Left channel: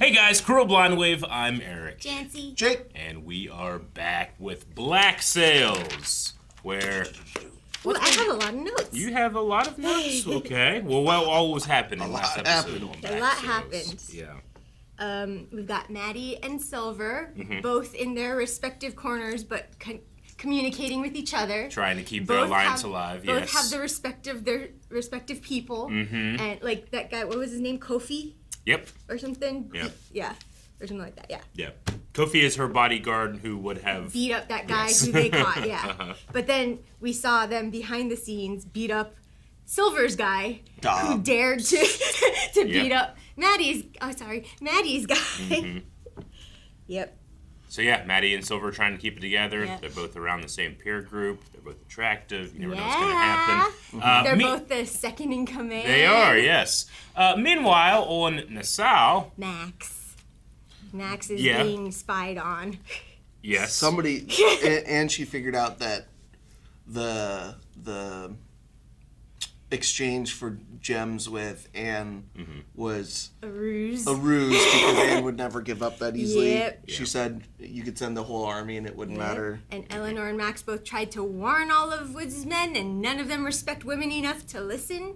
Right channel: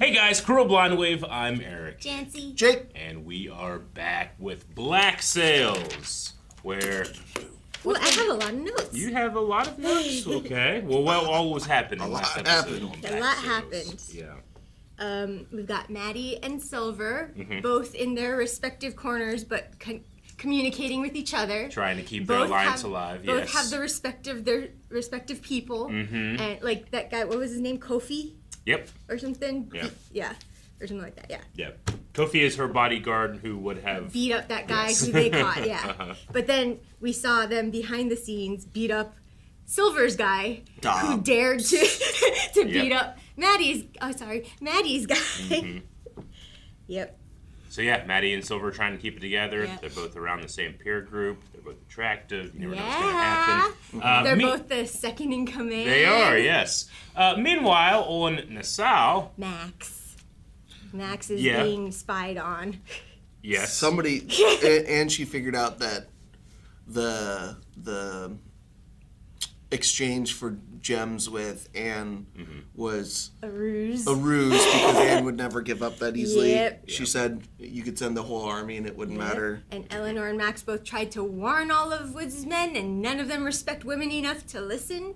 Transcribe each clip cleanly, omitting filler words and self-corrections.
Hey guys, Cruel Blind Wave, I'm Eric. Janci. Jake. And we are back with Black Sails, where... Well, I have a lot of notes. You have a lot of notes? Okay. Well, what all was happening last episode? A lot happened. Yeah. We've got Maddie and Silver, both in their respective corners, but communicating with each other. Trying to keep their alliance alive, yes. Both have their respective people. And, like, that guy, what was his name? Kofi? Yep. Or something? Yep. Yeah. Or something like that, yeah. Yep. Kofi is her bodyguard who would have... beat up that guy who they caught, yeah. But then we saw them behind the scenes beat up Silver's guy who dared to beat up Maddie's guy. Yep. So yeah, Maddie and Silver are trying to keep it together. Yep. They're both around the same peer group. They're both attractive. You never know what's going to happen. They're both the second in command. They are, yes. Meanwhile, on Nassau... Max is being spied on. Yes. Somebody, and she figured out that the exchange for gems with Anne was a ruse. Because Anne would never give up that easily. Yep. She said you could send the whole army and it wouldn't matter. And Eleanor and Max both tried to warn all of Woods' men, and none of them respect women enough to listen.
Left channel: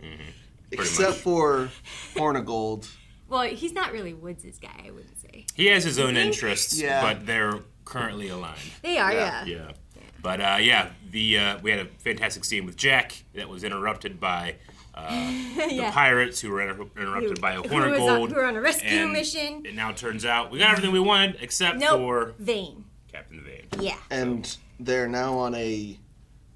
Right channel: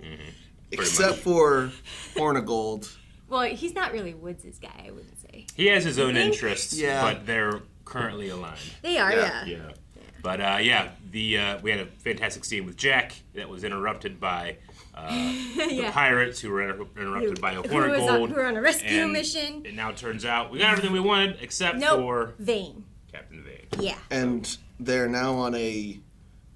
Except for Hornigold. Well, he's not really Woods' guy, I wouldn't say. He has his own interests, but they're currently aligned. They are, yeah. But we had a fantastic scene with Jack that was interrupted by the pirates who were interrupted by a Hornigold. Who were on a rescue mission. It now turns out we got everything we wanted except for Vane. Captain Vane. Yeah. And they're now on a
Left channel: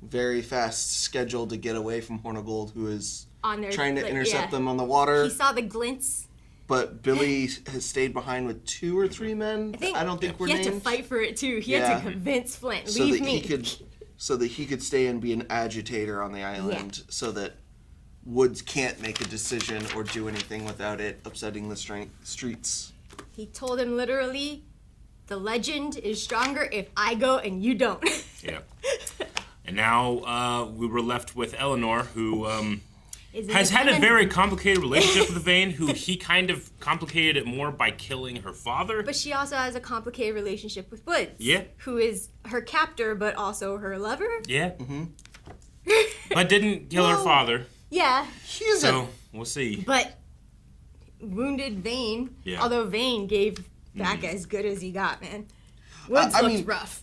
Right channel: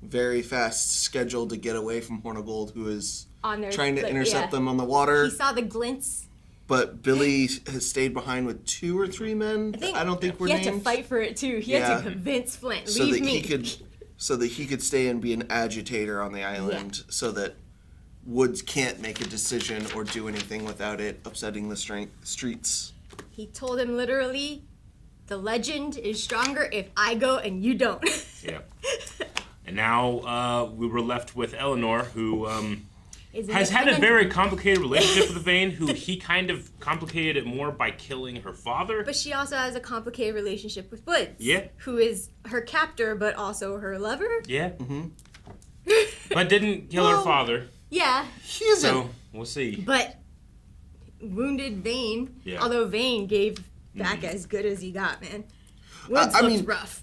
very fast schedule to get away from Hornigold, who is trying to intercept them on the water. He saw the glints. But Billy has stayed behind with 2 or 3 men. I don't think we're named. He had to fight for it too. He had to convince Flint, leave me. So that he could stay and be an agitator on the island, so that Woods can't make a decision or do anything without it upsetting the streets. He told him literally, the legend is stronger if I go and you don't. Yeah. And now we were left with Eleanor, who... has had a very complicated relationship with Vane, who he kind of complicated it more by killing her father. But she also has a complicated relationship with Woods. Yeah. Who is her captor, but also her lover. Yeah. But didn't kill her father. Yeah. So, we'll see. But wounded Vane, although Vane gave back as good as he got, man. Woods looked rough.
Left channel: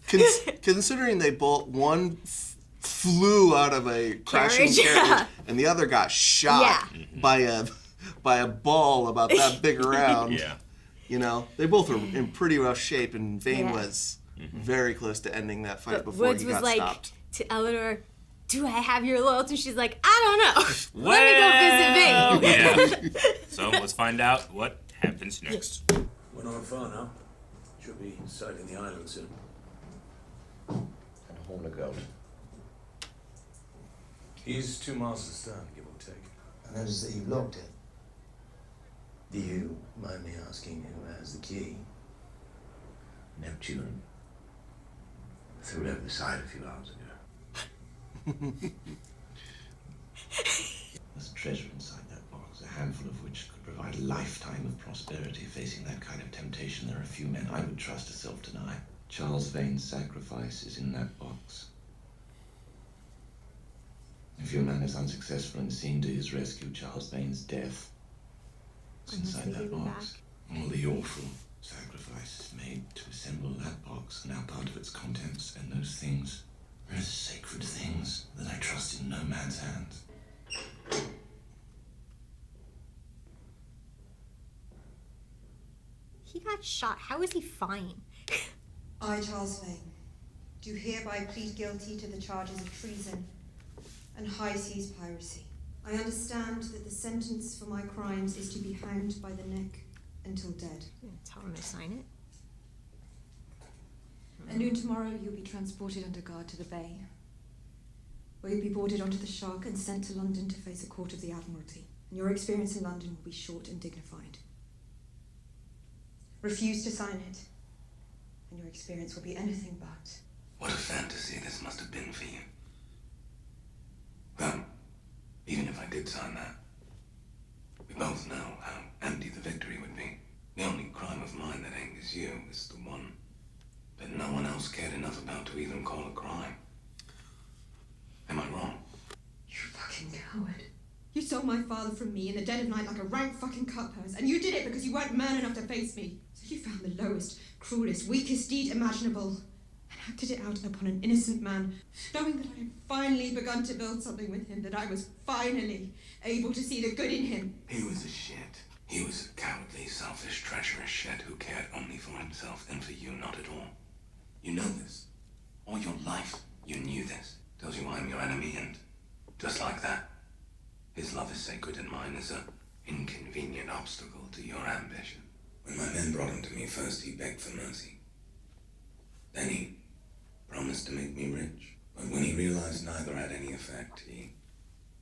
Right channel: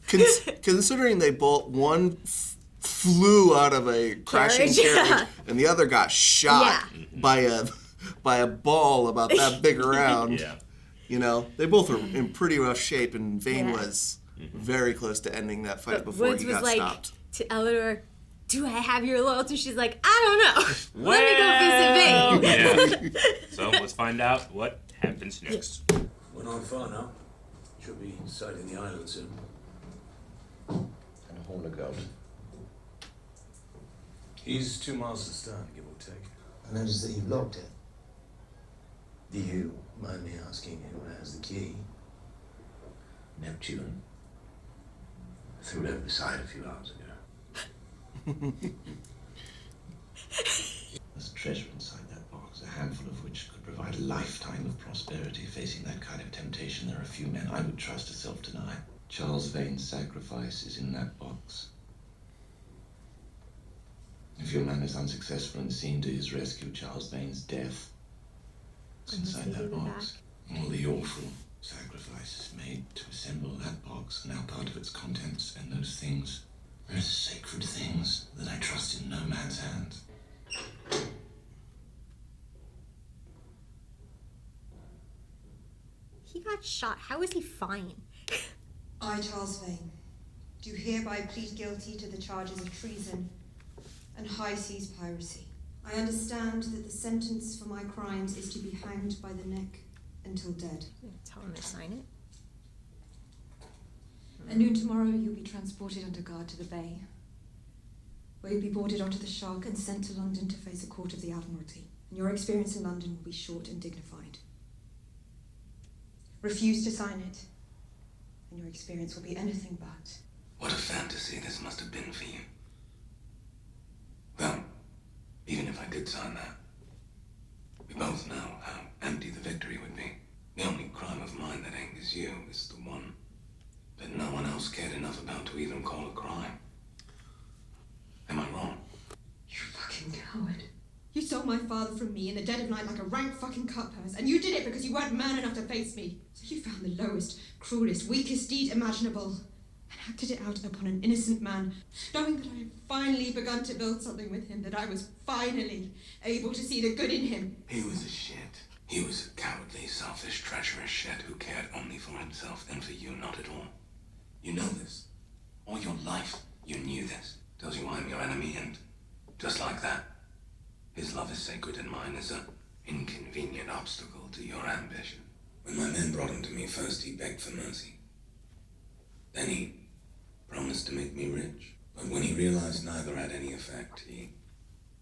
Considering they both, one flew out of a crashing carriage, and the other got shot by a ball about that big around. You know, they both were in pretty rough shape, and Vane was very close to ending that fight before Woods he got was stopped. To Eleanor, do I have your loyalty? She's like, I don't know. Let me go visit Vane. So let's find out what happens next. We're not far now. Should be sighting the island soon. And Hornigold. He's 2 miles astern, give or take. I notice that you've locked it. Do you mind me asking who has the key? Neptune. Threw it over the side a few hours ago. There's treasure inside that box, a handful of which could provide a lifetime of prosperity. Facing that kind of temptation, there are few men I would trust to self-deny. Charles Vane's sacrifice is in that box. If your man is unsuccessful and seen to his rescue, Charles Vane's death is inside that box. All the awful sacrifices made to assemble that box, and now part of its contents, and those things, those sacred things that I trust in no man's hands. He got shot. How is he fine? I, Charles Vane, do hereby plead guilty to the charges of treason and high seas piracy. I understand that the sentence for my crimes is to be hanged by the neck until dead. Tell him to sign it. At noon tomorrow, you'll be transported under guard to the bay, where you'll be boarded onto the Shark and sent to London to face a court of the Admiralty. And your experience in London will be short and dignified. Refuse to sign it, and your experience will be anything but. What a fantasy this must have been for you. Well, even if I did sign that, we both know how empty the victory would be. The only crime of mine that angers you is the one that no one else cared enough about to even call a crime. Am I wrong? You fucking coward. You stole my father from me in the dead of night like a rank fucking cutpurse, and you did it because you weren't man enough to face me. So you found the lowest, cruelest, weakest deed imaginable, and acted it out upon an innocent man, knowing that I had finally begun to build something with him, that I was finally able to see the good in him. He was a shit. He was a cowardly, selfish, treacherous shit who cared only for himself and for you not at all. You know this. All your life, you knew this. Tells you I'm your enemy, and just like that, his love is sacred and mine is an inconvenient obstacle to your ambition. When my men brought him to me first, he begged for mercy. Then he promised to make me rich. But when he realized neither had any effect, he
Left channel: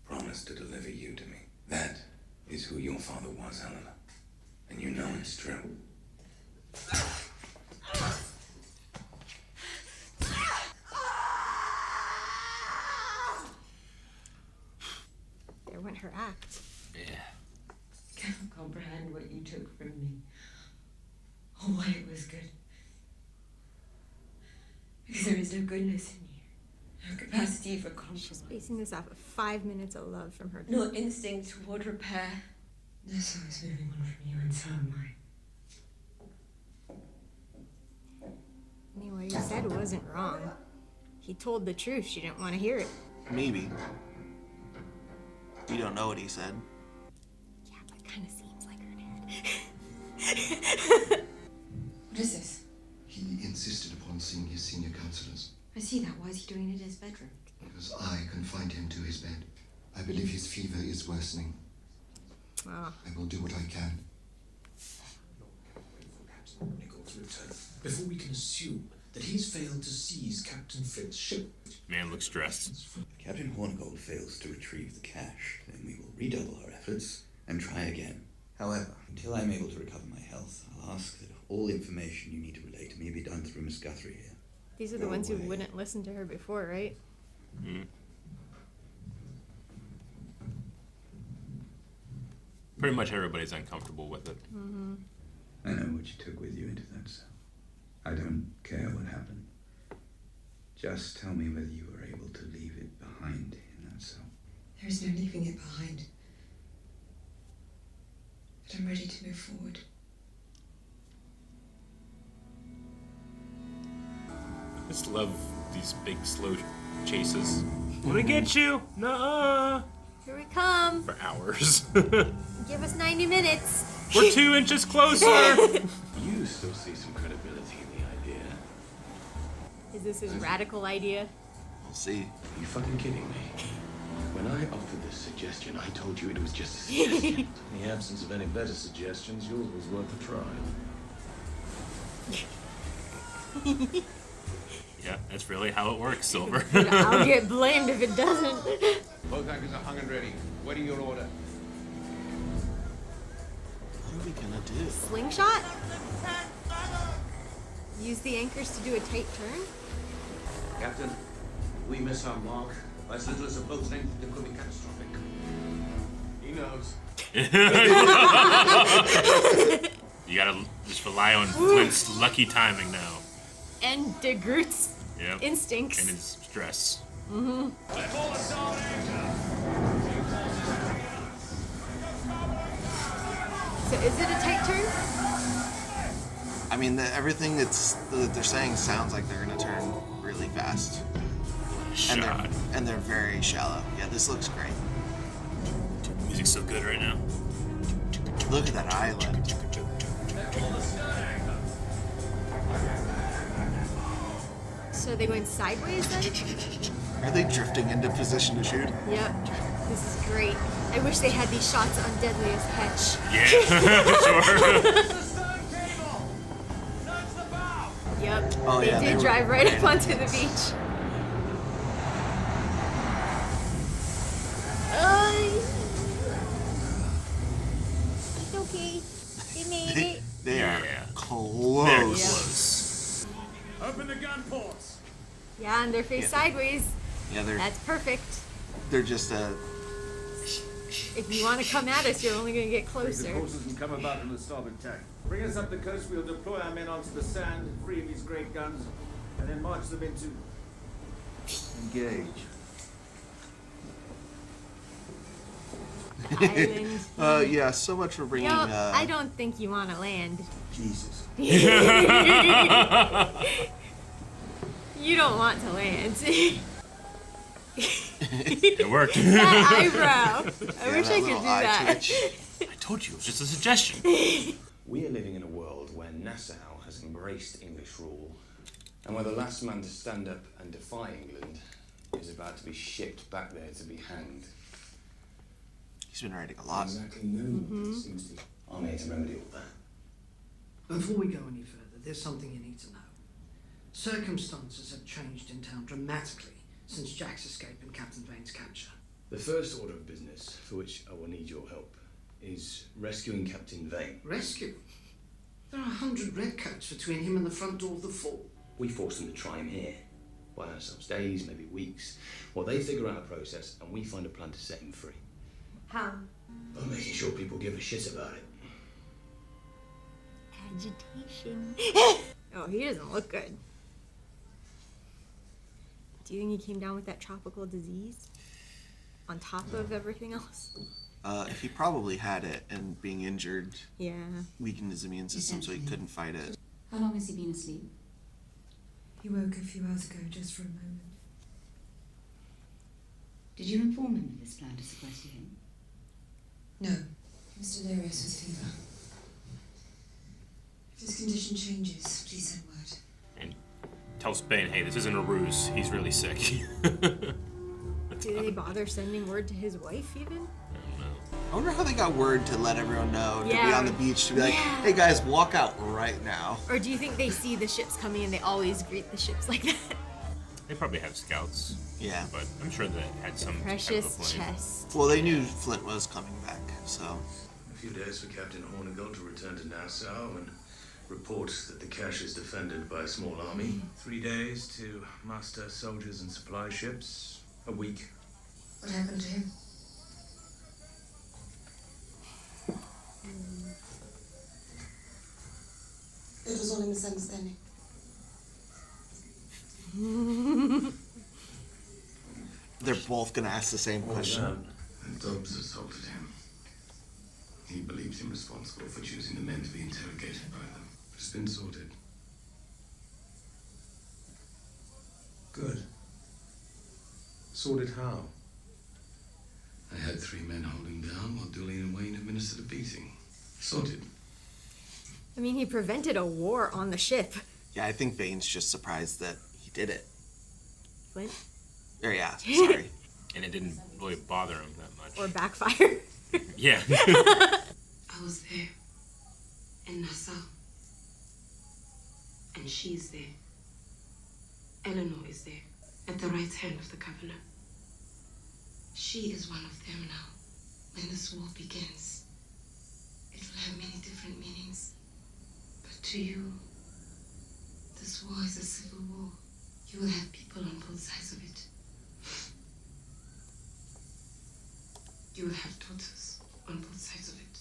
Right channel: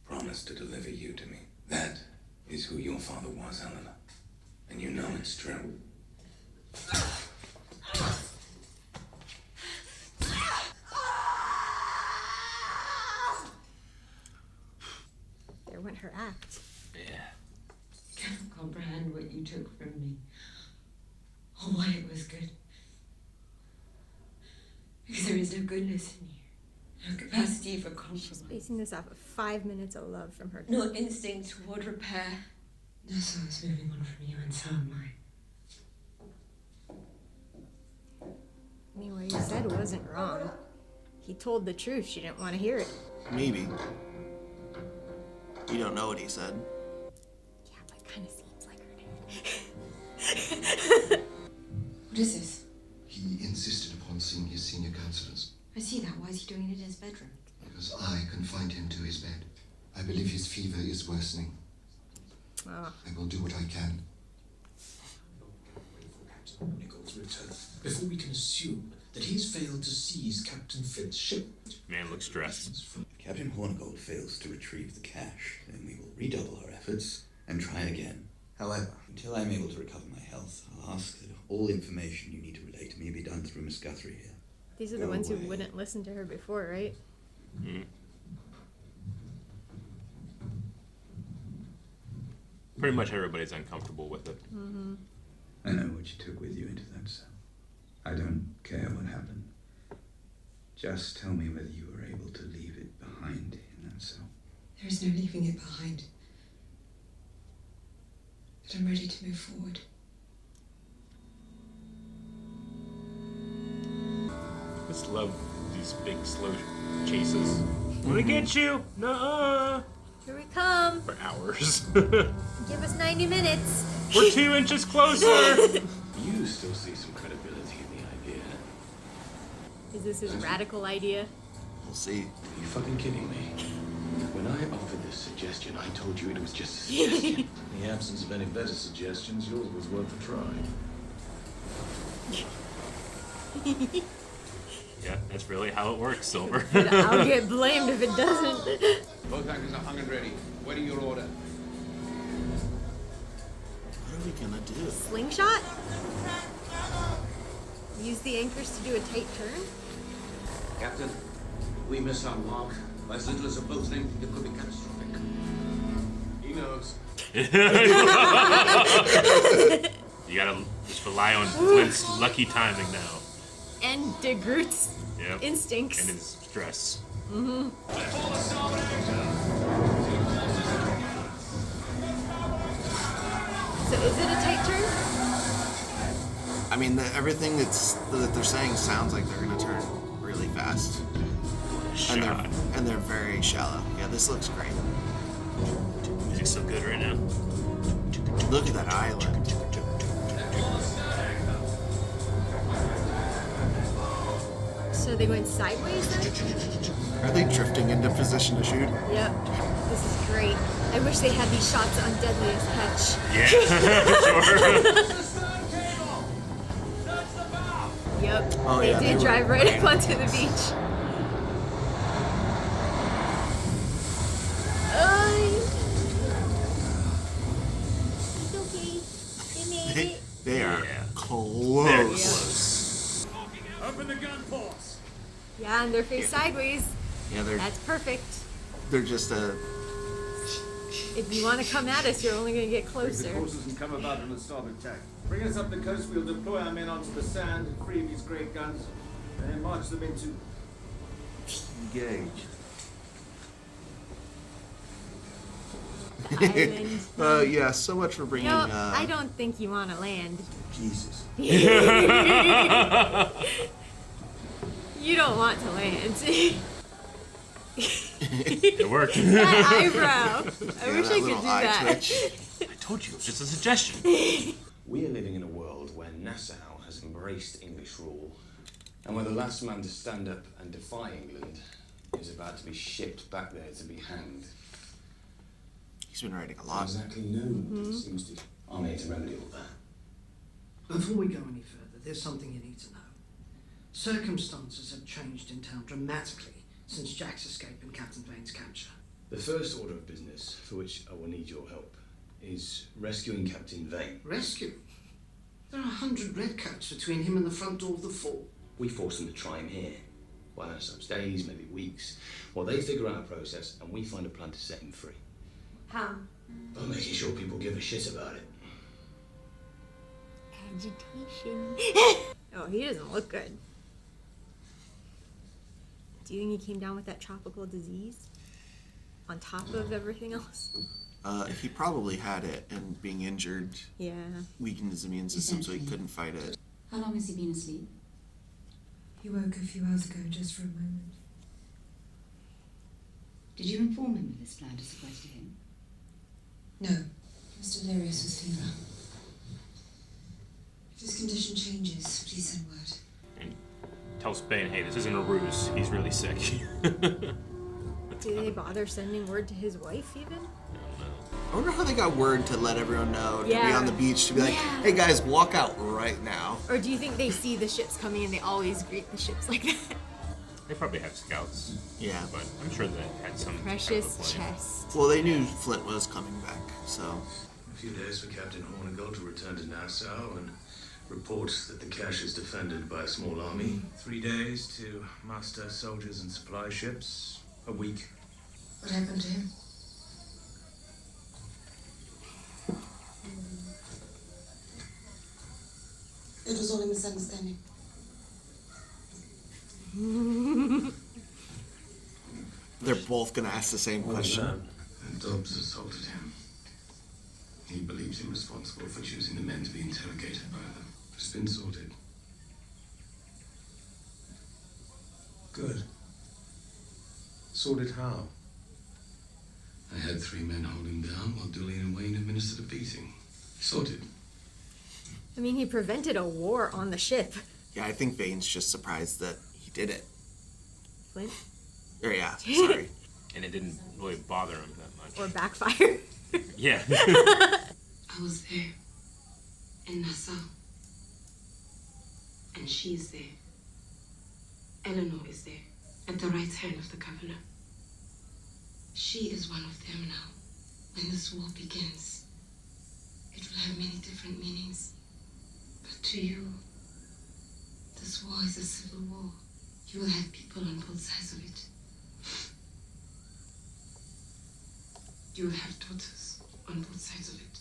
promised to deliver you to me. That is who your father was, Eleanor. And you know it's true. There went her act. Yeah. I cannot comprehend what you took from me, or why it was good. Because there is no goodness in you, no capacity for compromise, Basing this off of 5 minutes of love from her. no instinct toward repair. Nessa is moving on from you, and so am I. I mean, what he said wasn't wrong. He told the truth. She didn't want to hear it. Maybe. You don't know what he said. Yeah, but it kind of seems like her dad. What is this? He insisted upon seeing his senior counselors. I see that. Why is he doing it in his bedroom? Because I confined him to his bed. I believe his fever is worsening. I will do what I can. Captain Hornigold's return before we can assume that he has failed to seize Captain Flint's ship. Man looks stressed. If Captain Hornigold fails to retrieve the cache, then we will redouble our efforts and try again. However, until I'm able to recover my health, I'll ask that all information you need to relay to me be done through Miss Guthrie here. These are the ones who wouldn't listen to her before, right? Mm. Pretty much everybody's uncomfortable with it. Mm-hmm. I know what you took with you into that cell. I don't care what happened. Just tell me whether you were able to leave it behind in that cell. There is no leaving it behind. But I'm ready to move forward. I just love these big slow chases. Want to get you? Nuh-uh. Here we come. For hours. Give us 90 minutes. We're 2 inches closer. You still see some credibility in the idea. Is this his radical idea? We'll see. Are you fucking kidding me? When I offered this suggestion, I told you it was just a suggestion. In the absence of any better suggestions, yours was worth a try. Yeah, that's really how it works, Silver. I'll get blamed if it doesn't. Both anchors are hung and ready. Waiting your order. What are we gonna do? Slingshot? Use the anchors to do a tight turn? Captain, if we miss our mark, by as little as a boat's length, it could be catastrophic. He knows. You gotta just rely on Flint's lucky timing now. And De Groot's Yep. instincts. And his stress. Mm-hmm. So is it a tight turn? I mean, everything that they're saying sounds like they're gonna turn really fast. And they're very shallow. Yeah, this looks great. The music's so good right now. Look at that island. So they went sideways then? Are they drifting into position to shoot? Yep. This is great. I wish they had these shots on Deadliest Catch. Yeah, sure. Yep. Oh, they yeah, did they drive were right great. up onto the beach. It's okay. They made it. They are close. They're close. Open the gun ports. Yeah, and they're face sideways. Yeah, That's perfect. they're just If you want to come at us, you're only going to get Bring closer. the courses and come about on the starboard tack. Bring us up the coast, we'll deploy our men onto the sand, free these great guns, and then march them into... engage. Island. Yeah, so much for bringing... I don't think you want to land. Jesus. You don't want to land. It worked. That eyebrow. I wish I could do that. I told you, it was just a suggestion. We are living in a world where Nassau has embraced English rule, and where the last man to stand up and defy England is about to be shipped back there to be hanged. He's been writing a lot. Exactly known, it seems to. I'm here to remedy all that. Before we go any further, there's something you need to know. Circumstances have changed in town dramatically since Jack's escape and Captain Vane's capture. The first order of business, for which I will need your help, is rescuing Captain Vane. Rescue? There are 100 redcoats between him and the front door of the fort. We force them to try him here. Buy ourselves days, maybe weeks, while they figure out a process and we find a plan to set him free. How? By making sure people give a shit about it. Agitation. Oh, he doesn't look good. Do you think he came down with that tropical disease? On top of everything else? He probably had it, and being injured weakened his immune system, so he couldn't fight it. How long has he been asleep? He woke a few hours ago, just for a moment. Did you inform him of this plan to sequester him? No. He was delirious with fever. If his condition changes, please send word. And tell Spain, hey, this isn't a ruse. He's really sick. Did they bother sending word to his wife, even? I wonder how they got word to let everyone know, to be Yeah. on the beach, to be like, hey guys, walk out right now. Or do you think they see the ships coming and they always greet the ships like that? They probably have scouts. Yeah. But I'm sure they had some Precious type of a plan. chest. Well, they knew Flint was coming back, so... A few days for Captain Hornigold to return to Nassau and report that the cache is defended by a small army. 3 days to muster soldiers and supply ships. A week. What happened to him? It was all a misunderstanding. They're both gonna ask the same question. And Dobbs assaulted him. He believes him responsible for choosing the men to be interrogated by them. It's been sorted. Good. Sorted how? I had 3 men hold him down while Dooley and Wayne administered a beating. Sorted. I mean, he prevented a war on the ship. Yeah, I think Vane's just surprised that he did it. Flint? Or yeah, sorry. And it didn't really bother him that much. Or backfire. Yeah. I was there. In Nassau. And she's there. Eleanor is there. At the right hand of the governor. She is one of them now. When this war begins, it will have many different meanings. But to you, this war is a civil war. You will have people on both sides of it. You will have daughters on both sides of it.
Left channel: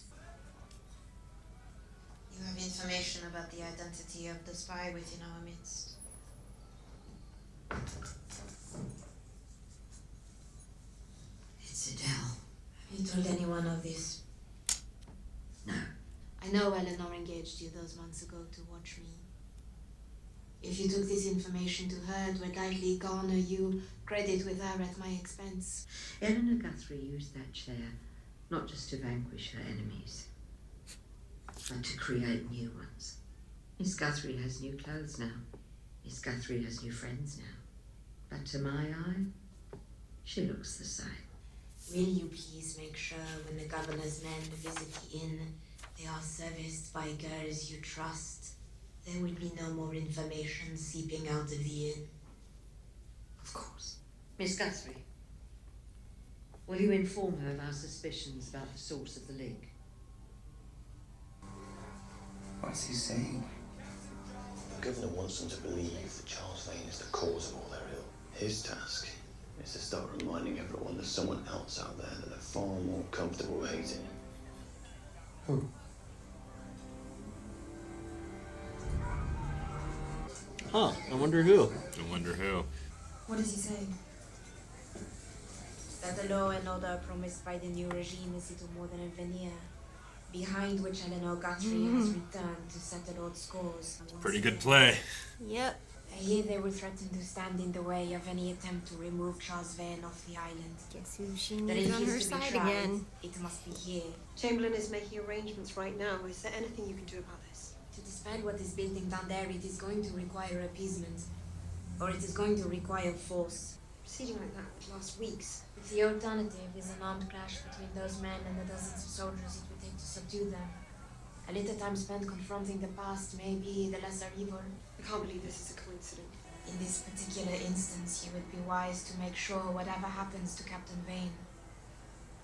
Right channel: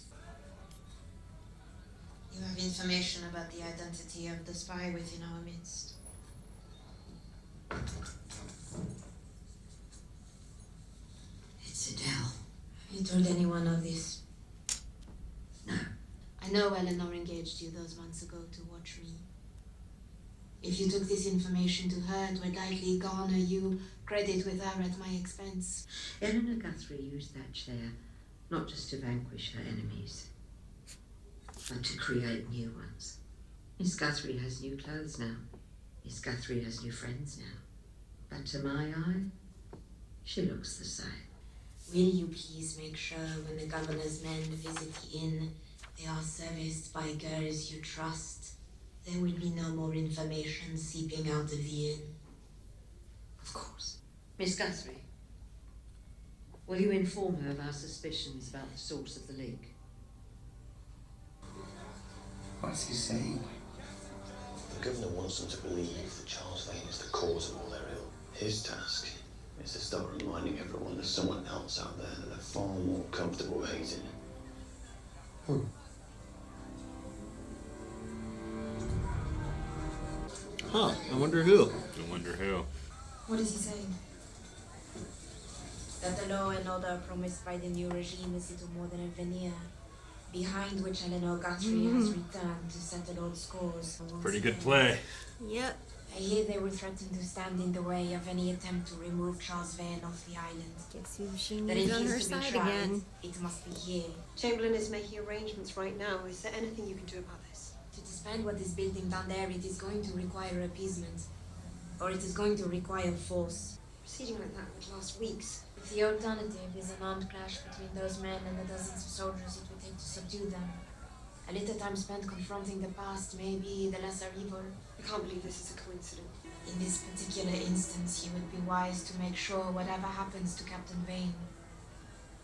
You have information about the identity of the spy within our midst. It's Adele. Have you told anyone of this? No. I know Eleanor engaged you those months ago to watch me. If you took this information to her, it would likely garner you credit with her at my expense. Eleanor Guthrie used that chair not just to vanquish her enemies, but to create new ones. Miss Guthrie has new clothes now. Miss Guthrie has new friends now. But to my eye, she looks the same. Will you please make sure when the governor's men visit the inn, they are serviced by girls you trust? There will be no more information seeping out of the inn. Of course. Miss Guthrie, will you inform her of our suspicions about the source of the leak? What's he saying? The governor wants them to believe that Charles Vane is the cause of all their ill. His task is to start reminding everyone there's someone else out there that they're far more comfortable hating. Who? Huh, I wonder who. What is he saying? That the law and order promised by the new regime is little more than a veneer, behind which Eleanor Guthrie has returned to settle old scores. Pretty good play. Yep. I hear they will threaten to stand in the way of any attempt to remove Charles Vane off the island. Guess who she That needs if on her he's to be side tried, again. it must be here. Chamberlain is making arrangements right now. Is there anything you can do about this? To disband what is building down there, it is going to require appeasement. Or it is going to require force. Proceeding like that would last weeks. If the alternative is an armed clash between those men and the dozens of soldiers it would take to subdue them, a little time spent confronting the past may be the lesser evil. I can't believe this is a coincidence. In this particular instance, you would be wise to make sure whatever happens to Captain Vane,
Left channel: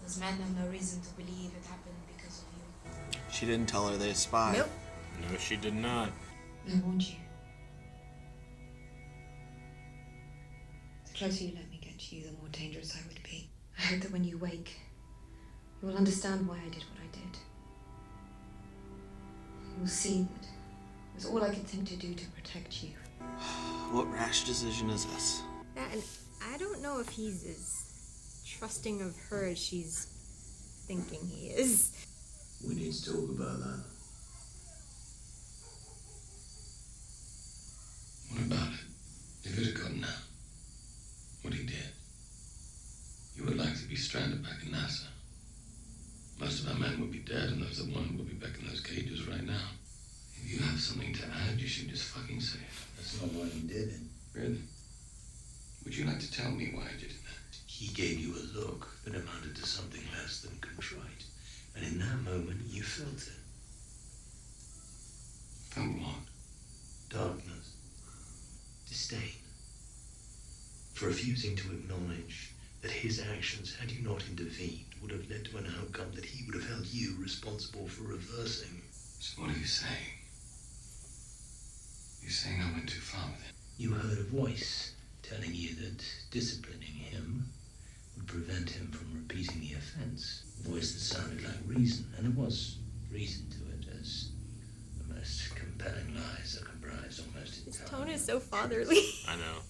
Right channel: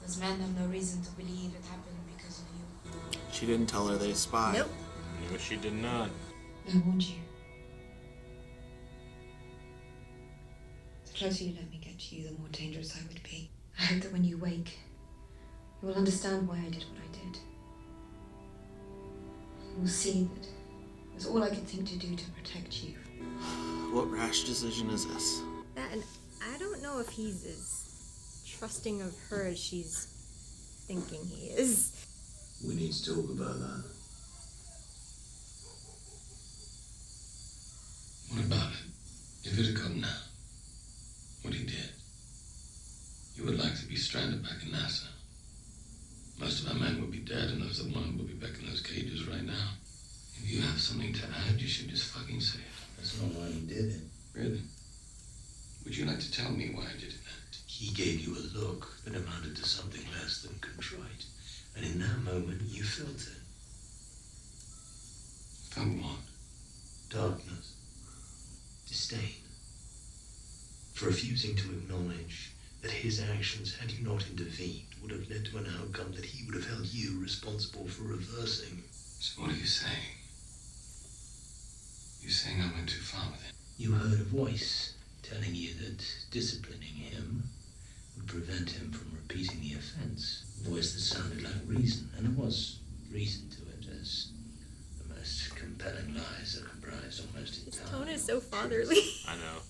those men have no reason to believe it happened because of you. She didn't tell her they spy. Nope. No, she did not. I warned you. The closer you let me get to you, the more dangerous I would be. I hope that when you wake, you will understand why I did what I did. You will see that it was all I could think to do to protect you. What rash decision is this? And I don't know if he's as trusting of her as she's thinking he is. We need to talk about that. What about it? If it had gotten out, what he did, you would likely be stranded back in NASA. Most of our men would be dead, and those that weren't would be back in those cages right now. If you have something to add, you should just fucking say it. That's not why he did it. Really? Would you like to tell me why I did it then? He gave you a look that amounted to something less than contrite. And in that moment, you felt it. Felt what? Darkness. Disdain. For refusing to acknowledge that his actions, had you not intervened, would have led to an outcome that he would have held you responsible for reversing. So what are you saying? You're saying I went too far with it? You heard a voice telling you that disciplining him would prevent him from repeating the offense. A voice that sounded like reason, and there was reason to it, as the most compelling lies are comprised almost His entirely. tone is so fatherly. I know.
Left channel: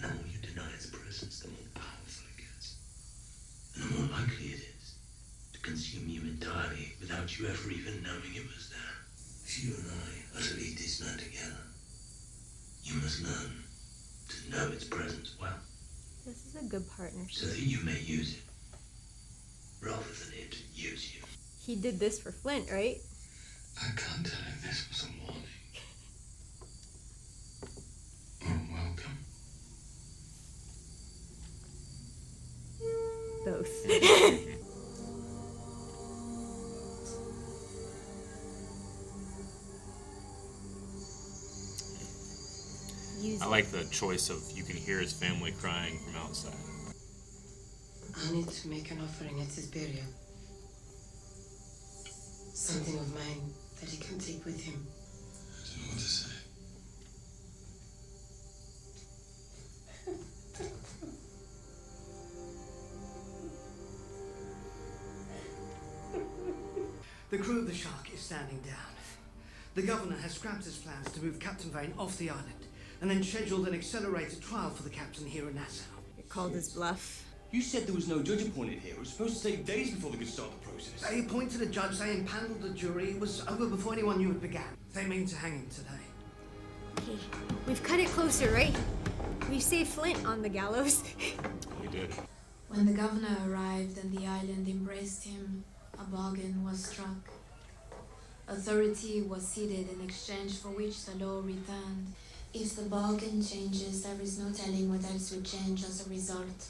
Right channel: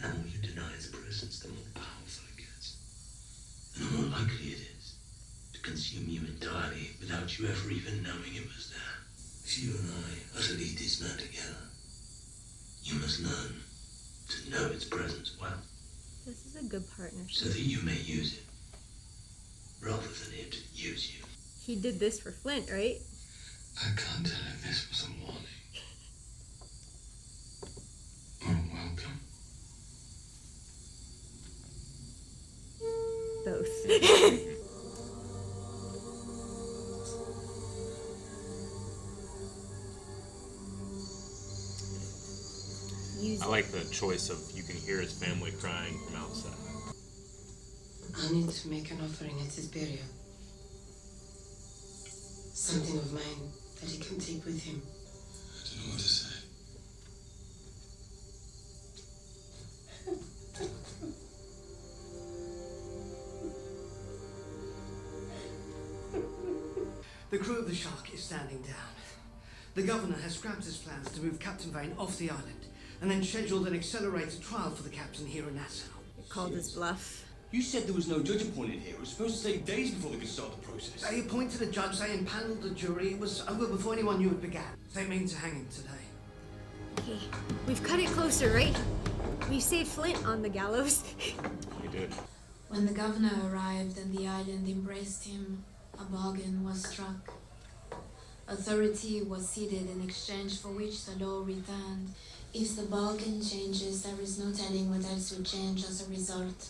And the more you deny its presence, the more powerful it gets. And the more likely it is to consume you entirely without you ever even knowing it was there. If you and I are to lead this man together, you must learn to know its presence well, This is a good partnership. so that you may use it, rather than it use you. He did this for Flint, right? I can't tell if this was a warning or a welcome. Both. I like the choice of you can hear his family crying from outside. I need to make an offering at his burial. Something of mine that he can take with him. I don't know what to say. The crew of the Shark is standing down. The governor has scrapped his plans to move Captain Vane off the island and then scheduled an accelerated trial for the captain here in Nassau. It called his bluff. You said there was no judge appointed here. It was supposed to take days before they could start the process. They appointed a judge, they impaneled the jury. It was over before anyone knew it began. They mean to hang him today. Okay, we've cut it closer, right? We saved Flint on the gallows. We did. When the governor arrived and the island embraced him, a bargain was struck. Authority was ceded in exchange for which the law returned. If the bargain changes, there is no telling what else would change as a result.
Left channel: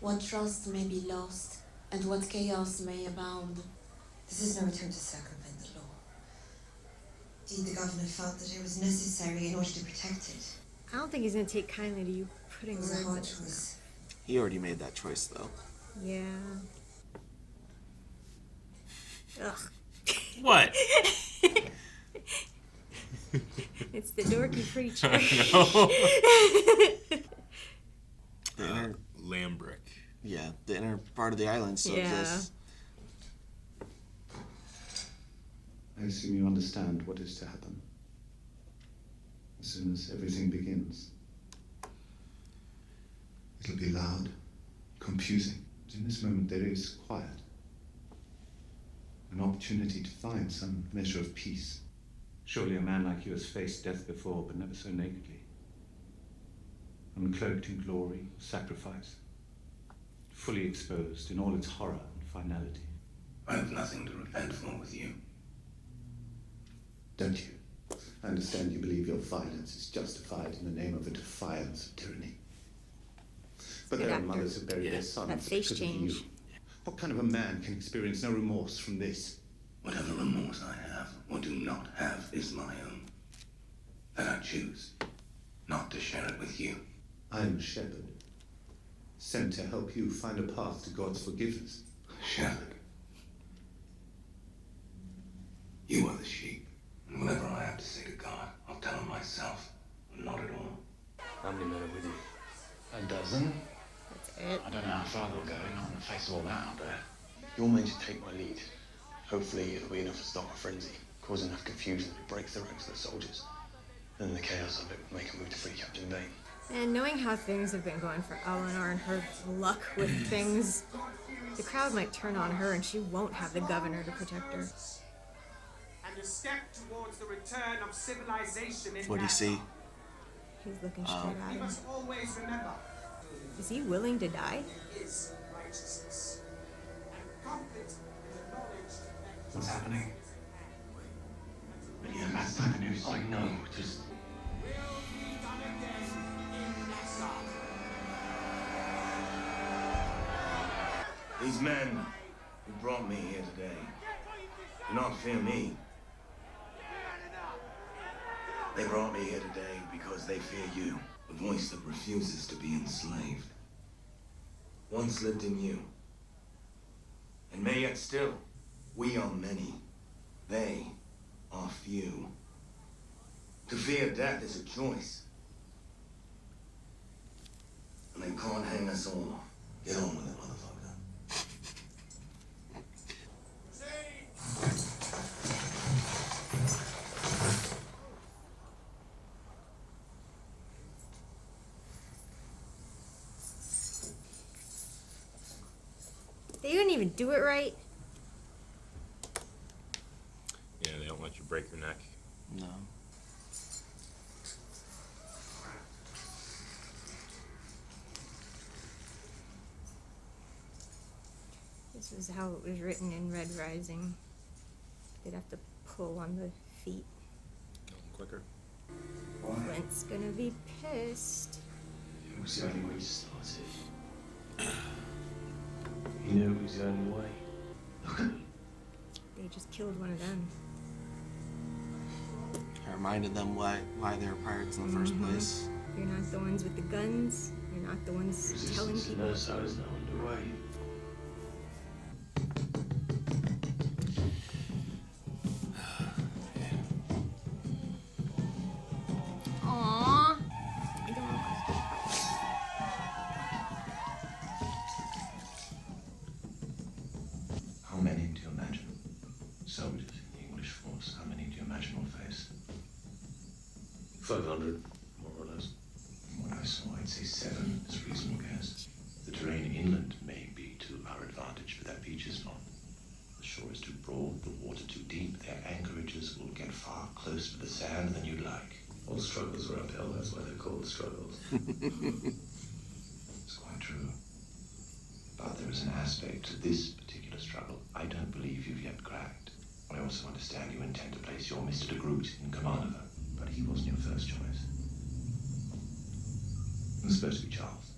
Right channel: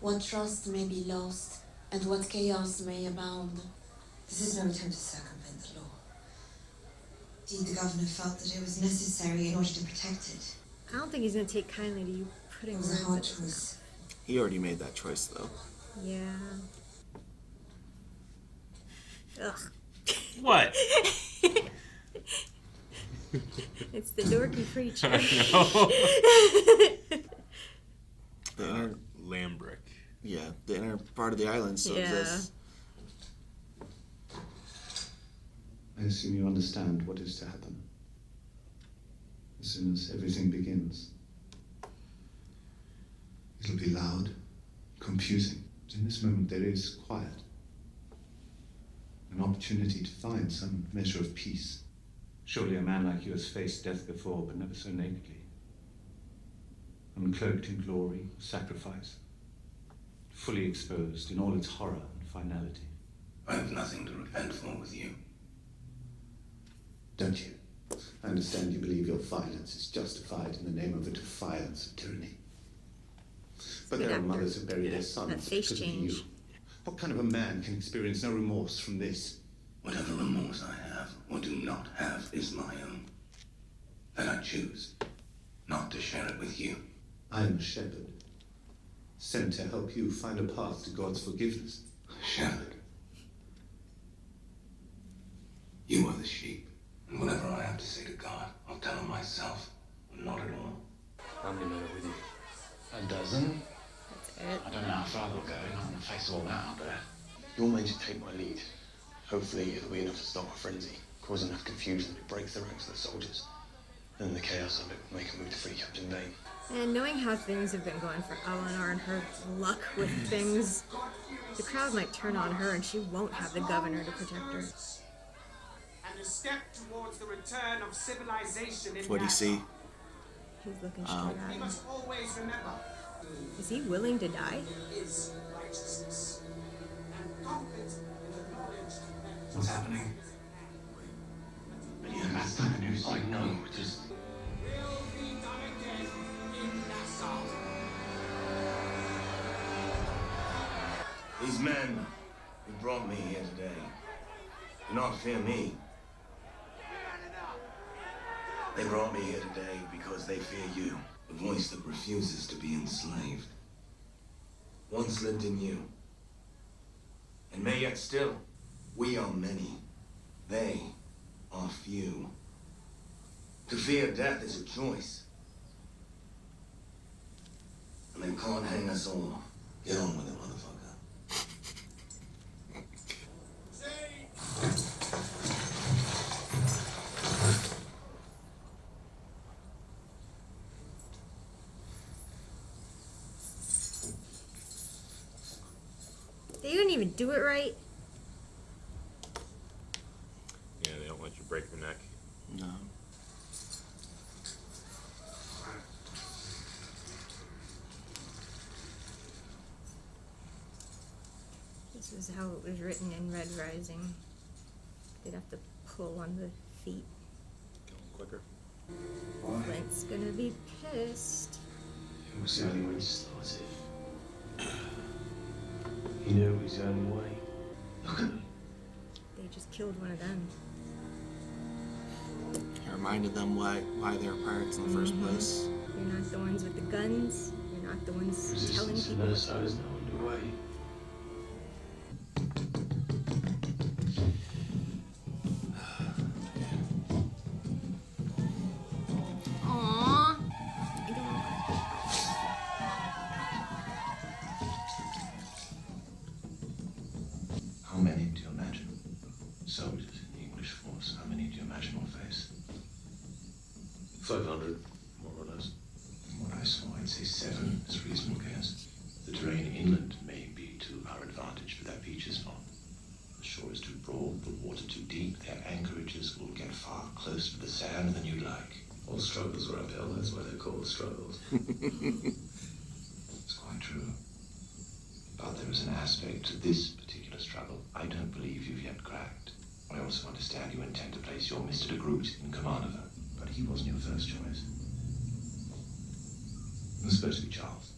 What trust may be lost, and what chaos may abound. This is no attempt to circumvent the law. Indeed, the governor felt that it was necessary in order to protect it. I don't think he's gonna take kindly to you putting It was a words hard in- choice. He already made that choice, though. Yeah. Ugh. What? It's the dorky preacher. I know. island still exists. I assume you understand what is to happen as soon as everything begins. It'll be loud, confusing. In this moment there is quiet. An opportunity to find some measure of peace. Surely a man like you has faced death before, but never so nakedly. Uncloaked in glory, sacrifice. Fully exposed in all its horror and finality. I have nothing to repent for with you. Don't you? I understand you believe your violence is justified in the name of a defiance of tyranny. But there are mothers who bury their sons because of you. What kind of a man can experience no remorse from this? Whatever remorse I have or do not have is my own. And I choose not to share it with you. I am a shepherd, sent to help you find a path to God's forgiveness. Shepherd. You are the sheep. And whatever I have to say to God, I'll tell him myself. Not at all. How many men are with you? A dozen? I don't know how far they'll go, not in the face of all that out there. Your men should take my lead. Hopefully it'll be enough to start a frenzy, cause enough confusion that it breaks the ranks of the soldiers. Then the chaos of it will make a move to free Captain Vane. And knowing how things have been going for Eleanor and her luck with things, the crowd might turn on her and she won't have the governor to protect her. And a step towards the return of civilization in What do you see? He's looking straight We at him. must always remember. Is he willing to die? Is righteousness and confidence in the knowledge that What's happening? But yeah, that's not the news. I know, just... will be done again in Nassau. These men who brought me here today do not fear me. They brought me here today because they fear you, the voice that refuses to be enslaved. Once lived in you, and may yet still. We are many. They are few. To fear death is a choice. And they can't hang us all. Get on with it, motherfucker. They didn't even do it right. Yeah, they don't let you break your neck. No. This is how it was written in Red Rising. They'd have to pull on the feet. Go quicker. Flint's gonna be pissed. It was the only way to start it. You knew it was the only way. Look at them. They just killed one of them. I reminded them why they're pirates in the first place. You're not the ones with the guns. You're not the ones killing Resistance in people. Nassau is now underway. Aww. How many do you imagine? Soldiers in the English force, how many do you imagine will face? 500, more or less. From what I saw, I'd say 7 is a reasonable guess. The terrain inland may be to our advantage, but that beach is not. The shore is too broad, the water too deep. Their anchorages will get far closer to the sand than you'd like. All struggles are uphill, that's why they're called struggles. It's quite true. But there is an aspect to this particular struggle I don't believe you've yet cracked. I also understand you intend to place your Mr. de Groot in command of her, but he wasn't your first choice. It was supposed to be Charles,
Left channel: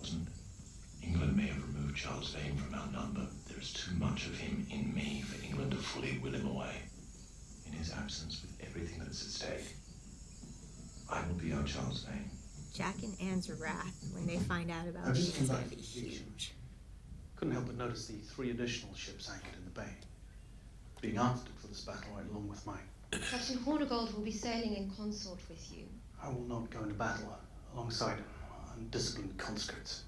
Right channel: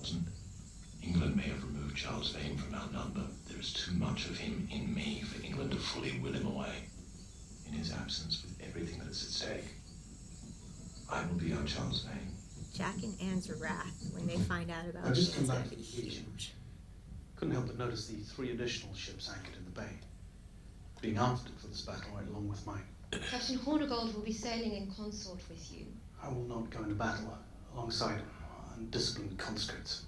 wasn't it? England may have removed Charles Vane from our number. There is too much of him in me for England to fully will him away. In his absence, with everything that is at stake, I will be our Charles Vane. Jack and Anne's wrath when they find out about I it just is come gonna back. be huge. Couldn't help but notice the 3 additional ships anchored in the bay, being outfitted for this battle right along with mine. Captain Hornigold will be sailing in consort with you. I will not go into battle alongside undisciplined conscripts.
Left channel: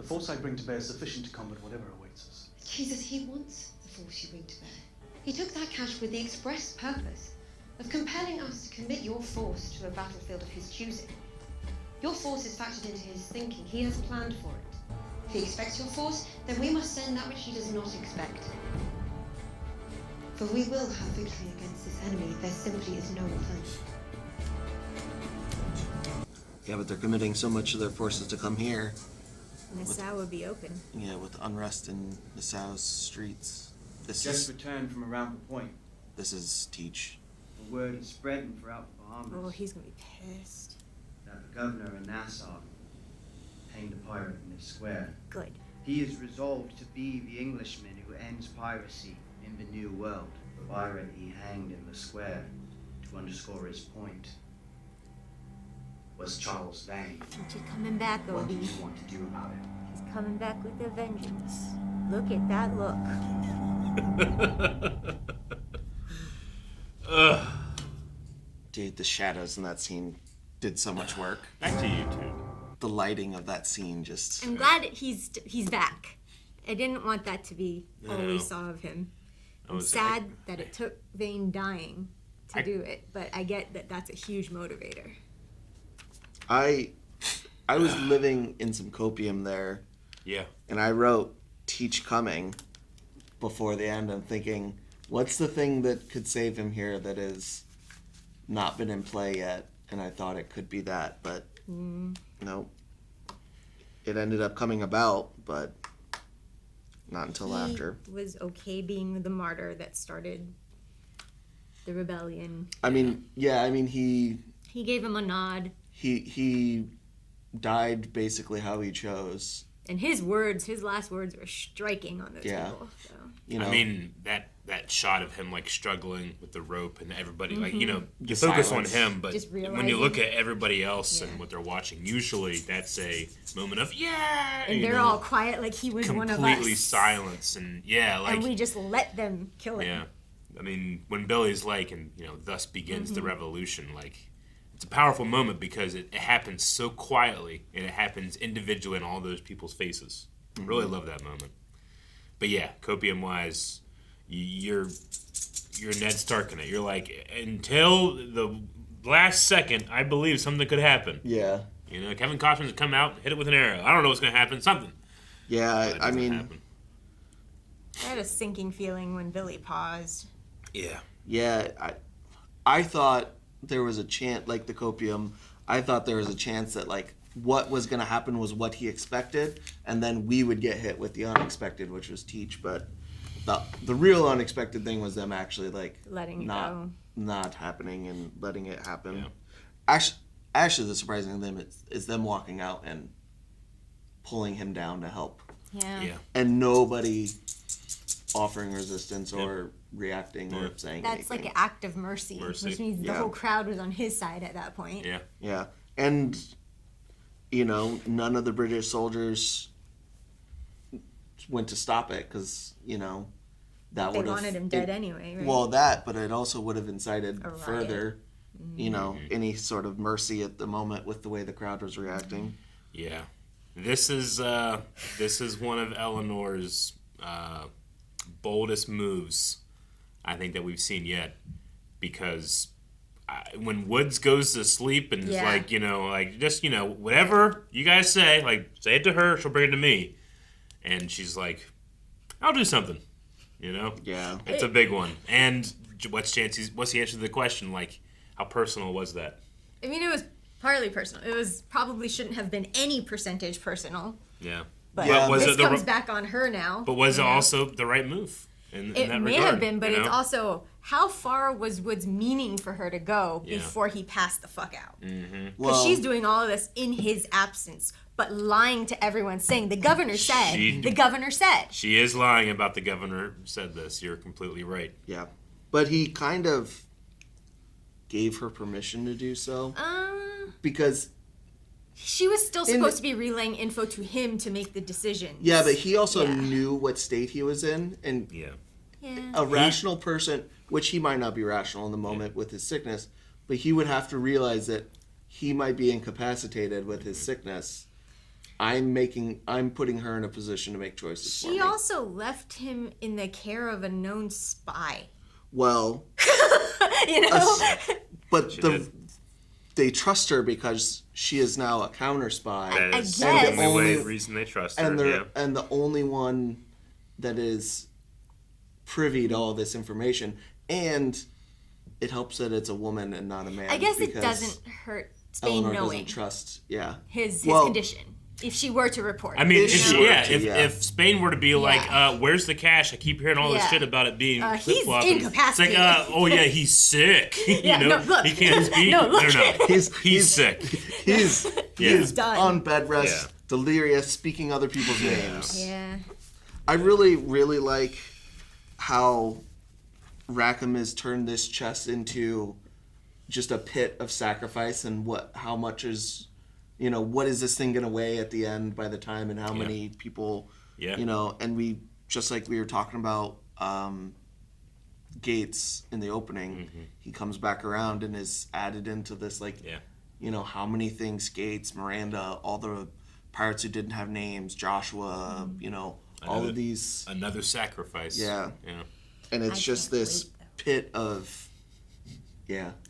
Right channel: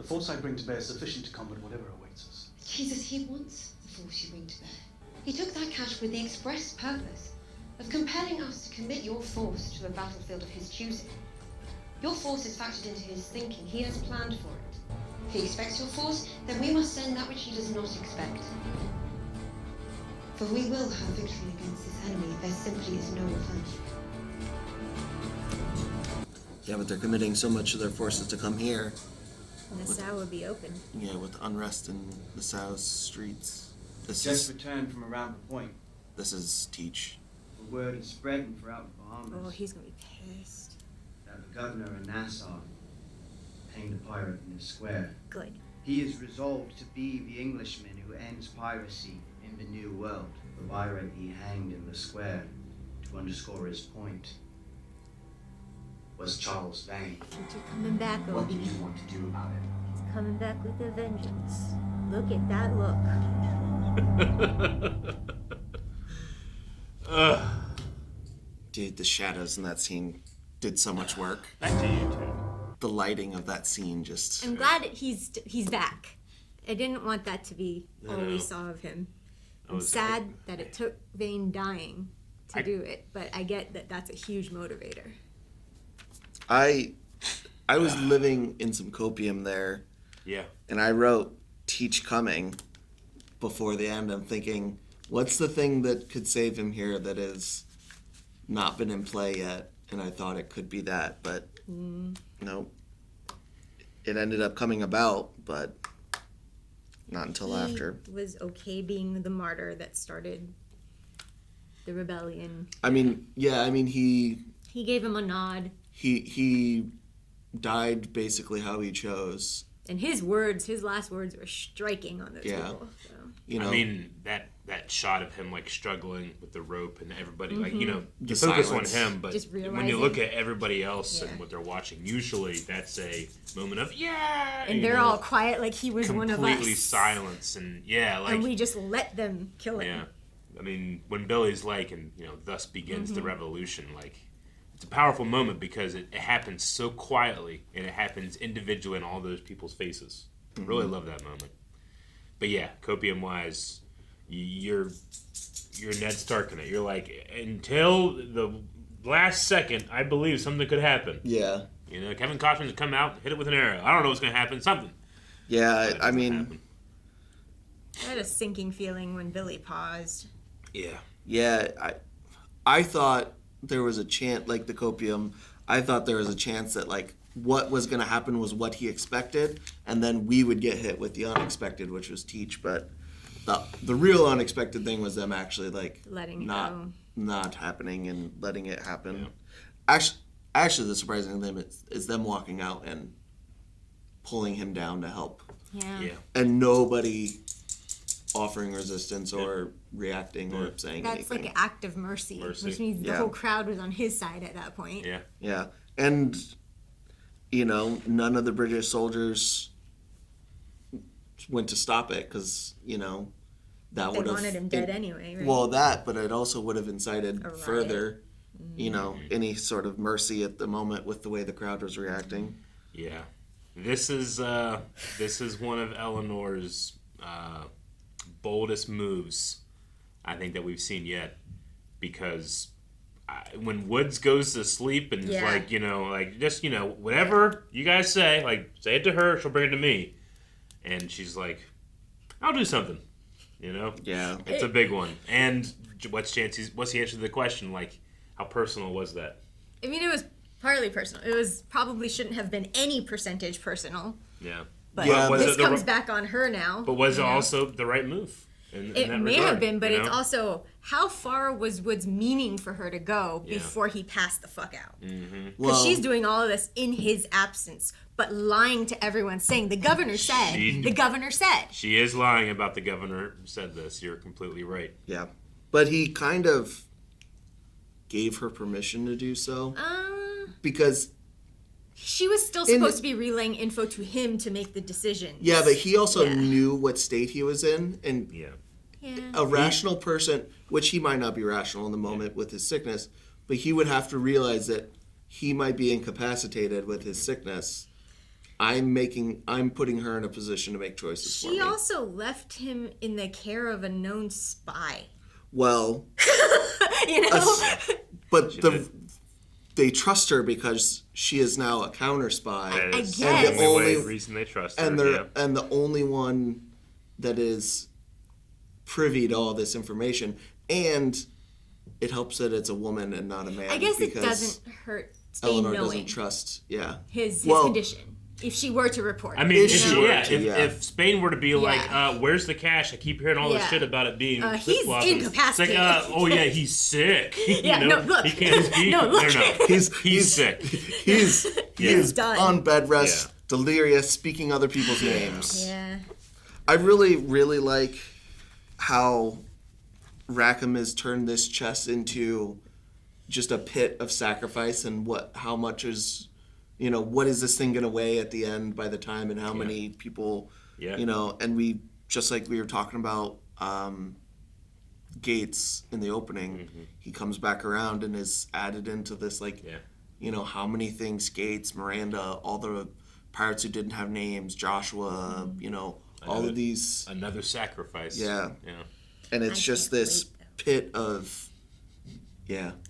The force I bring to bear is sufficient to combat whatever awaits us. Jesus, he wants the force you bring to bear. He took that cash with the express purpose of compelling us to commit your force to a battlefield of his choosing. Your force is factored into his thinking. He has planned for it. If he expects your force, then we must send that which he does not expect. For we will have victory against this enemy. There simply is no alternative. Yeah, but they're committing so much of their forces to come here. Nassau would be open. Yeah, with unrest in Nassau's streets. Just returned from around the point. This is Teach. The word is spreading throughout the Bahamas. Oh, he's gonna be pissed. That the governor of Nassau hanged a pirate in his square. Good. He is resolved to be the Englishman who ends piracy in the New World. The pirate he hanged in the square to underscore his point was Charles Vane. Teach is coming back, What do Obi. you want to do about it? He's coming back with a vengeance. Look at that look. Dude, the shadows in that scene did so much work. Back to you, too. The lighting of that scene just... I'm glad he's back. I didn't want that to be all we saw of him. I'm sad that it took Vane dying to do it, but I get that that's a huge motivator. I was living in some copium there. Yeah. And I wrote Teach coming before the end. I'm thinking, what's the thing that could save him here that has not been in play yet? And I thought it could be that, but no. It ended up coming about, but not until after. He was okay being the martyr that started the rebellion. I mean, yeah, I mean, he gave him a nod. He died basically how he chose. And his last words were striking on those people. So. You know, I mean, that shot of him like struggling with the rope and everybody, like, you know, The you focus silence. on him, but Just when you look at everybody else and what they're watching, usually that's a moment of and they're all quiet, like he was one of us. Completely silence and and we just let them kill him. Yeah, I mean, when Billy's like, and you know, thus begins the revolution. Like, it's a powerful moment because it happens so quietly and it happens individually in all those people's faces. Really love that moment. But yeah, copium wise, you're Ned Stark in it. You're like, until the last second, I believe something could happen. Yeah. You know, Kevin Costner's come out, hit it with an arrow. I don't know what's gonna happen. Something. Yeah, I mean, happen. I had a sinking feeling when Billy paused. Yeah. Yeah, I thought there was a chance, like the copium, I thought there was a chance that like what was going to happen was what he expected, and then we would get hit with the unexpected, which was Teach. But the real unexpected thing was them actually like letting not happening and letting it happen. Yeah. Actually, the surprising thing is them walking out and pulling him down to help. Yeah. And nobody offering resistance or reacting or saying that's anything. like an act of mercy. Which means the whole crowd was on his side at that point. Yeah. And you know, none of the British soldiers went to stop it because, you know, that would have... They wanted him dead anyway, right? Well, but it also would have incited further, you know, any sort of mercy at the moment with the way the crowd was reacting. Yeah. This is one of Eleanor's boldest moves, I think, that we've seen yet, because when Woods goes to sleep and is like, you know, like, just, you know, whatever you guys say, like, say it to her, she'll bring it to me. And she's like, I'll do something, you know? Yeah. It's a big one. And what's the answer to the question? Like, how personal was that? I mean, it was partly personal. It was probably shouldn't have been any percentage personal. Yeah. But was this it comes back on her now. But was it also the right move? In it that may regard, have been, but you know? it's also how far was Woods meaning for her to go before he passed the fuck out? Because she's doing all of this in his absence, but lying to everyone, saying the governor said. The governor said. She is lying about the governor said this. You're completely right. Yeah, but he kind of gave her permission to do so because she was still supposed to be relaying info to him to make the decision. Yeah, but he also knew what state he was in, and a rational person, which he might not be rational in the moment with his sickness, but he would have to realize that he might be incapacitated with his sickness. I'm putting her in a position to make choices. She also left him in the care of a known spy. Well, but they trust her because she is now a counter spy. That is the only reason they trust her. And the only one that is privy to all this information, and it helps that it's a woman and not a man. I guess it doesn't hurt Spain Eleanor knowing doesn't trust, his condition. If she were to report, I mean, if Spain were to be like, "Where's the cash? I keep hearing all this shit about it being flip flop." He's It's incapacitated. like, oh yeah, he's sick. You know, look. he can't speak. No, look. He's sick. He's done. on bed rest, delirious, speaking other people's names. Yeah. I really, really like how Rackham has turned this chess into just a pit of sacrifice, and how much is, what is this thing going to weigh at the end by the time, and how many people, and we, just like we were talking about Gates in the opening, he comes back around and is added into this, how many things Gates, Miranda, all the pirates who didn't have names, Joshua, all of these. Another sacrifice. Yeah. And it's just this pit of,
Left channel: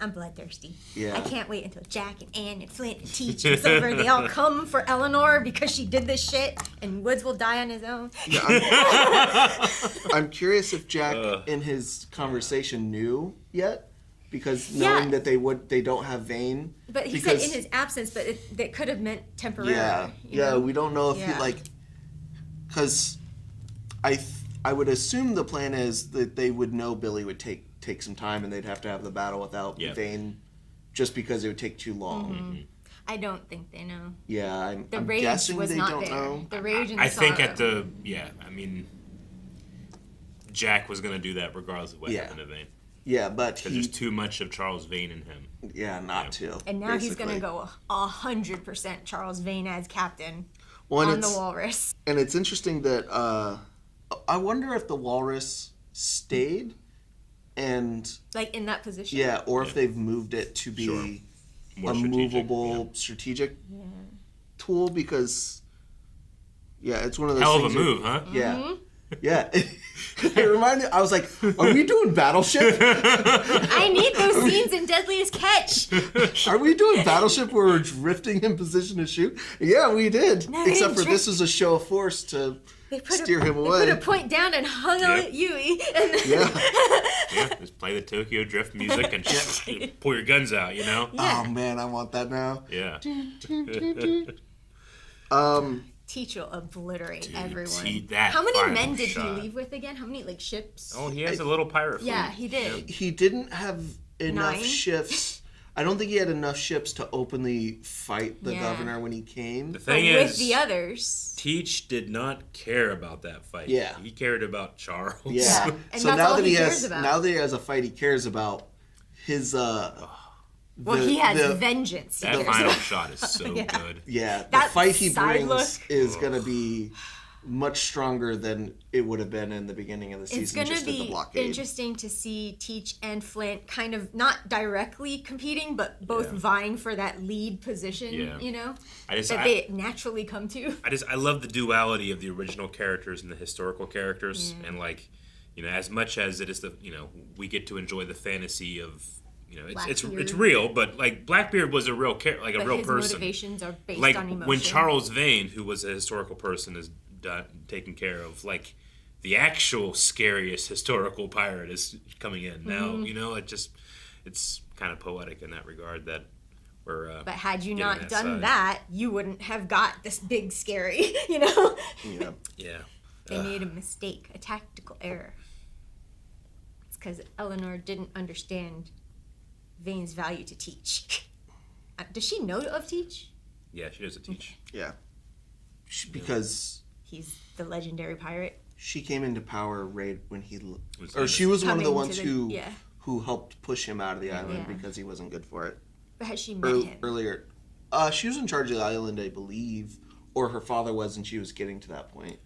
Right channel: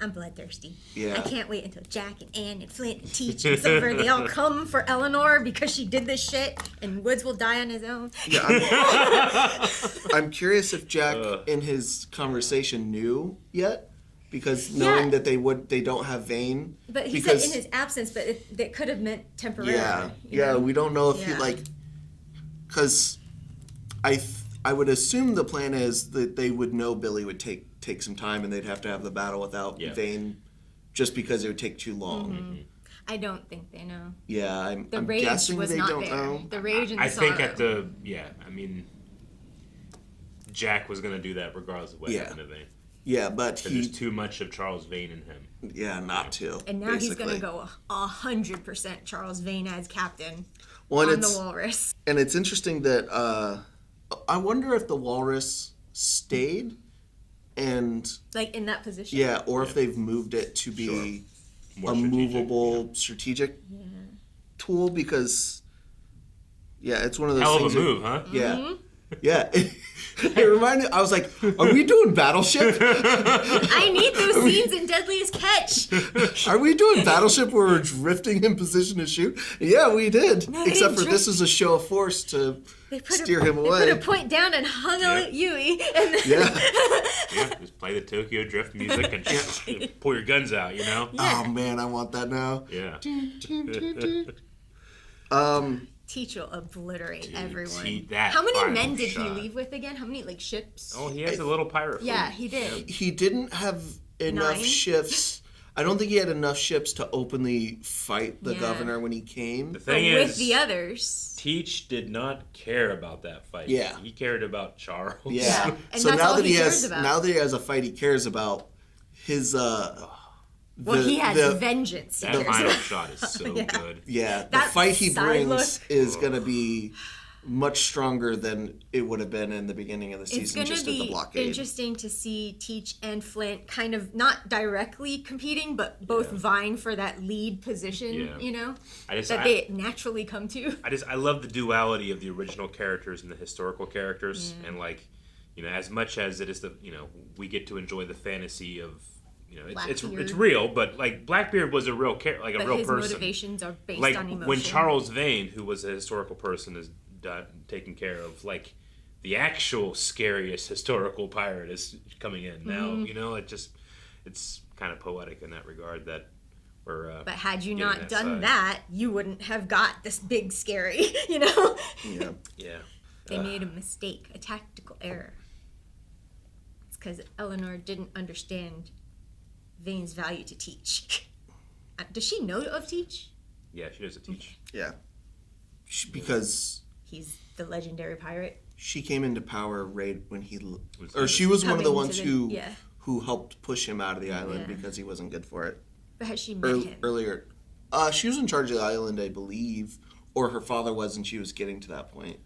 I'm bloodthirsty. Yeah. I can't wait until Jack and Anne and Flint and Teach and Silver, they all come for Eleanor because she did this shit, and Woods will die on his own. I'm curious if Jack in his conversation knew yet, because knowing that they don't have Vane. But he said in his absence, but that could have meant temporarily. Yeah, we don't know if he because I would assume the plan is that they would know Billy would take some time, and they'd have to have the battle without Vane, just because it would take too long. I don't think they know. Yeah, I'm rage guessing was they not don't there. know. The rage and the I think sorrow. Jack was going to do that regardless of what happened to Vane. Yeah, but there's too much of Charles Vane in him. Yeah, not to. And now he's going to go 100% Charles Vane as captain on the Walrus. And it's interesting that I wonder if the Walrus stayed and in that position. Yeah, or if they've moved it to be more movable, strategic tool, because it's one of those hell things of a move, huh? Yeah. Mm-hmm. Yeah. I was like, are we doing Battleship? I need those scenes in Deadliest Catch. Are we doing Battleship where we're drifting in position to shoot? Yeah, we did. No, except for this is a show of force to steer him away. They put a point down and hung a Yui. And just play the Tokyo Drift music and pull your guns out, Yeah. Oh man, I want that now. Yeah. Teach will obliterate everyone. How many men did he leave with again? How many ships? Oh, he has a little pirate fleet. Yeah, he did. He didn't have enough ships. I don't think he had enough ships to openly fight the governor when he came. The thing is, with the others, Teach did not care about that fight. Yeah, he cared about Charles. Yeah, and so that's now all that he he cares has, about. now that he has a fight he cares about, his he has vengeance. That final shot is so good. Yeah, the That fight he side brings is going to be much stronger than it would have been in the beginning of the season. It's going to be interesting to see Teach and Flint kind of not directly competing, but both vying for that lead position. Yeah. They naturally come to. I love the duality of the original characters and the historical characters, and as much as it is we get to enjoy the fantasy of. It's real, but Blackbeard was a real real his person. Motivations are based on emotion. When Charles Vane, who was a historical person, is taken care of, the actual scariest historical pirate is coming in now. It's kind of poetic in that regard that we're. But had you not done side. that, you wouldn't have got this big scary. Yeah. They made a mistake, a tactical error. It's because Eleanor didn't understand Vane's value to Teach. Does she know of Teach? Yeah, she does a Teach. Yeah. Because he's the legendary pirate. She came into power right when she was one of the ones who helped push him out of the island because he wasn't good for it. But has she met him? Earlier. She was in charge of the island, I believe, or her father was, and she was getting to that point.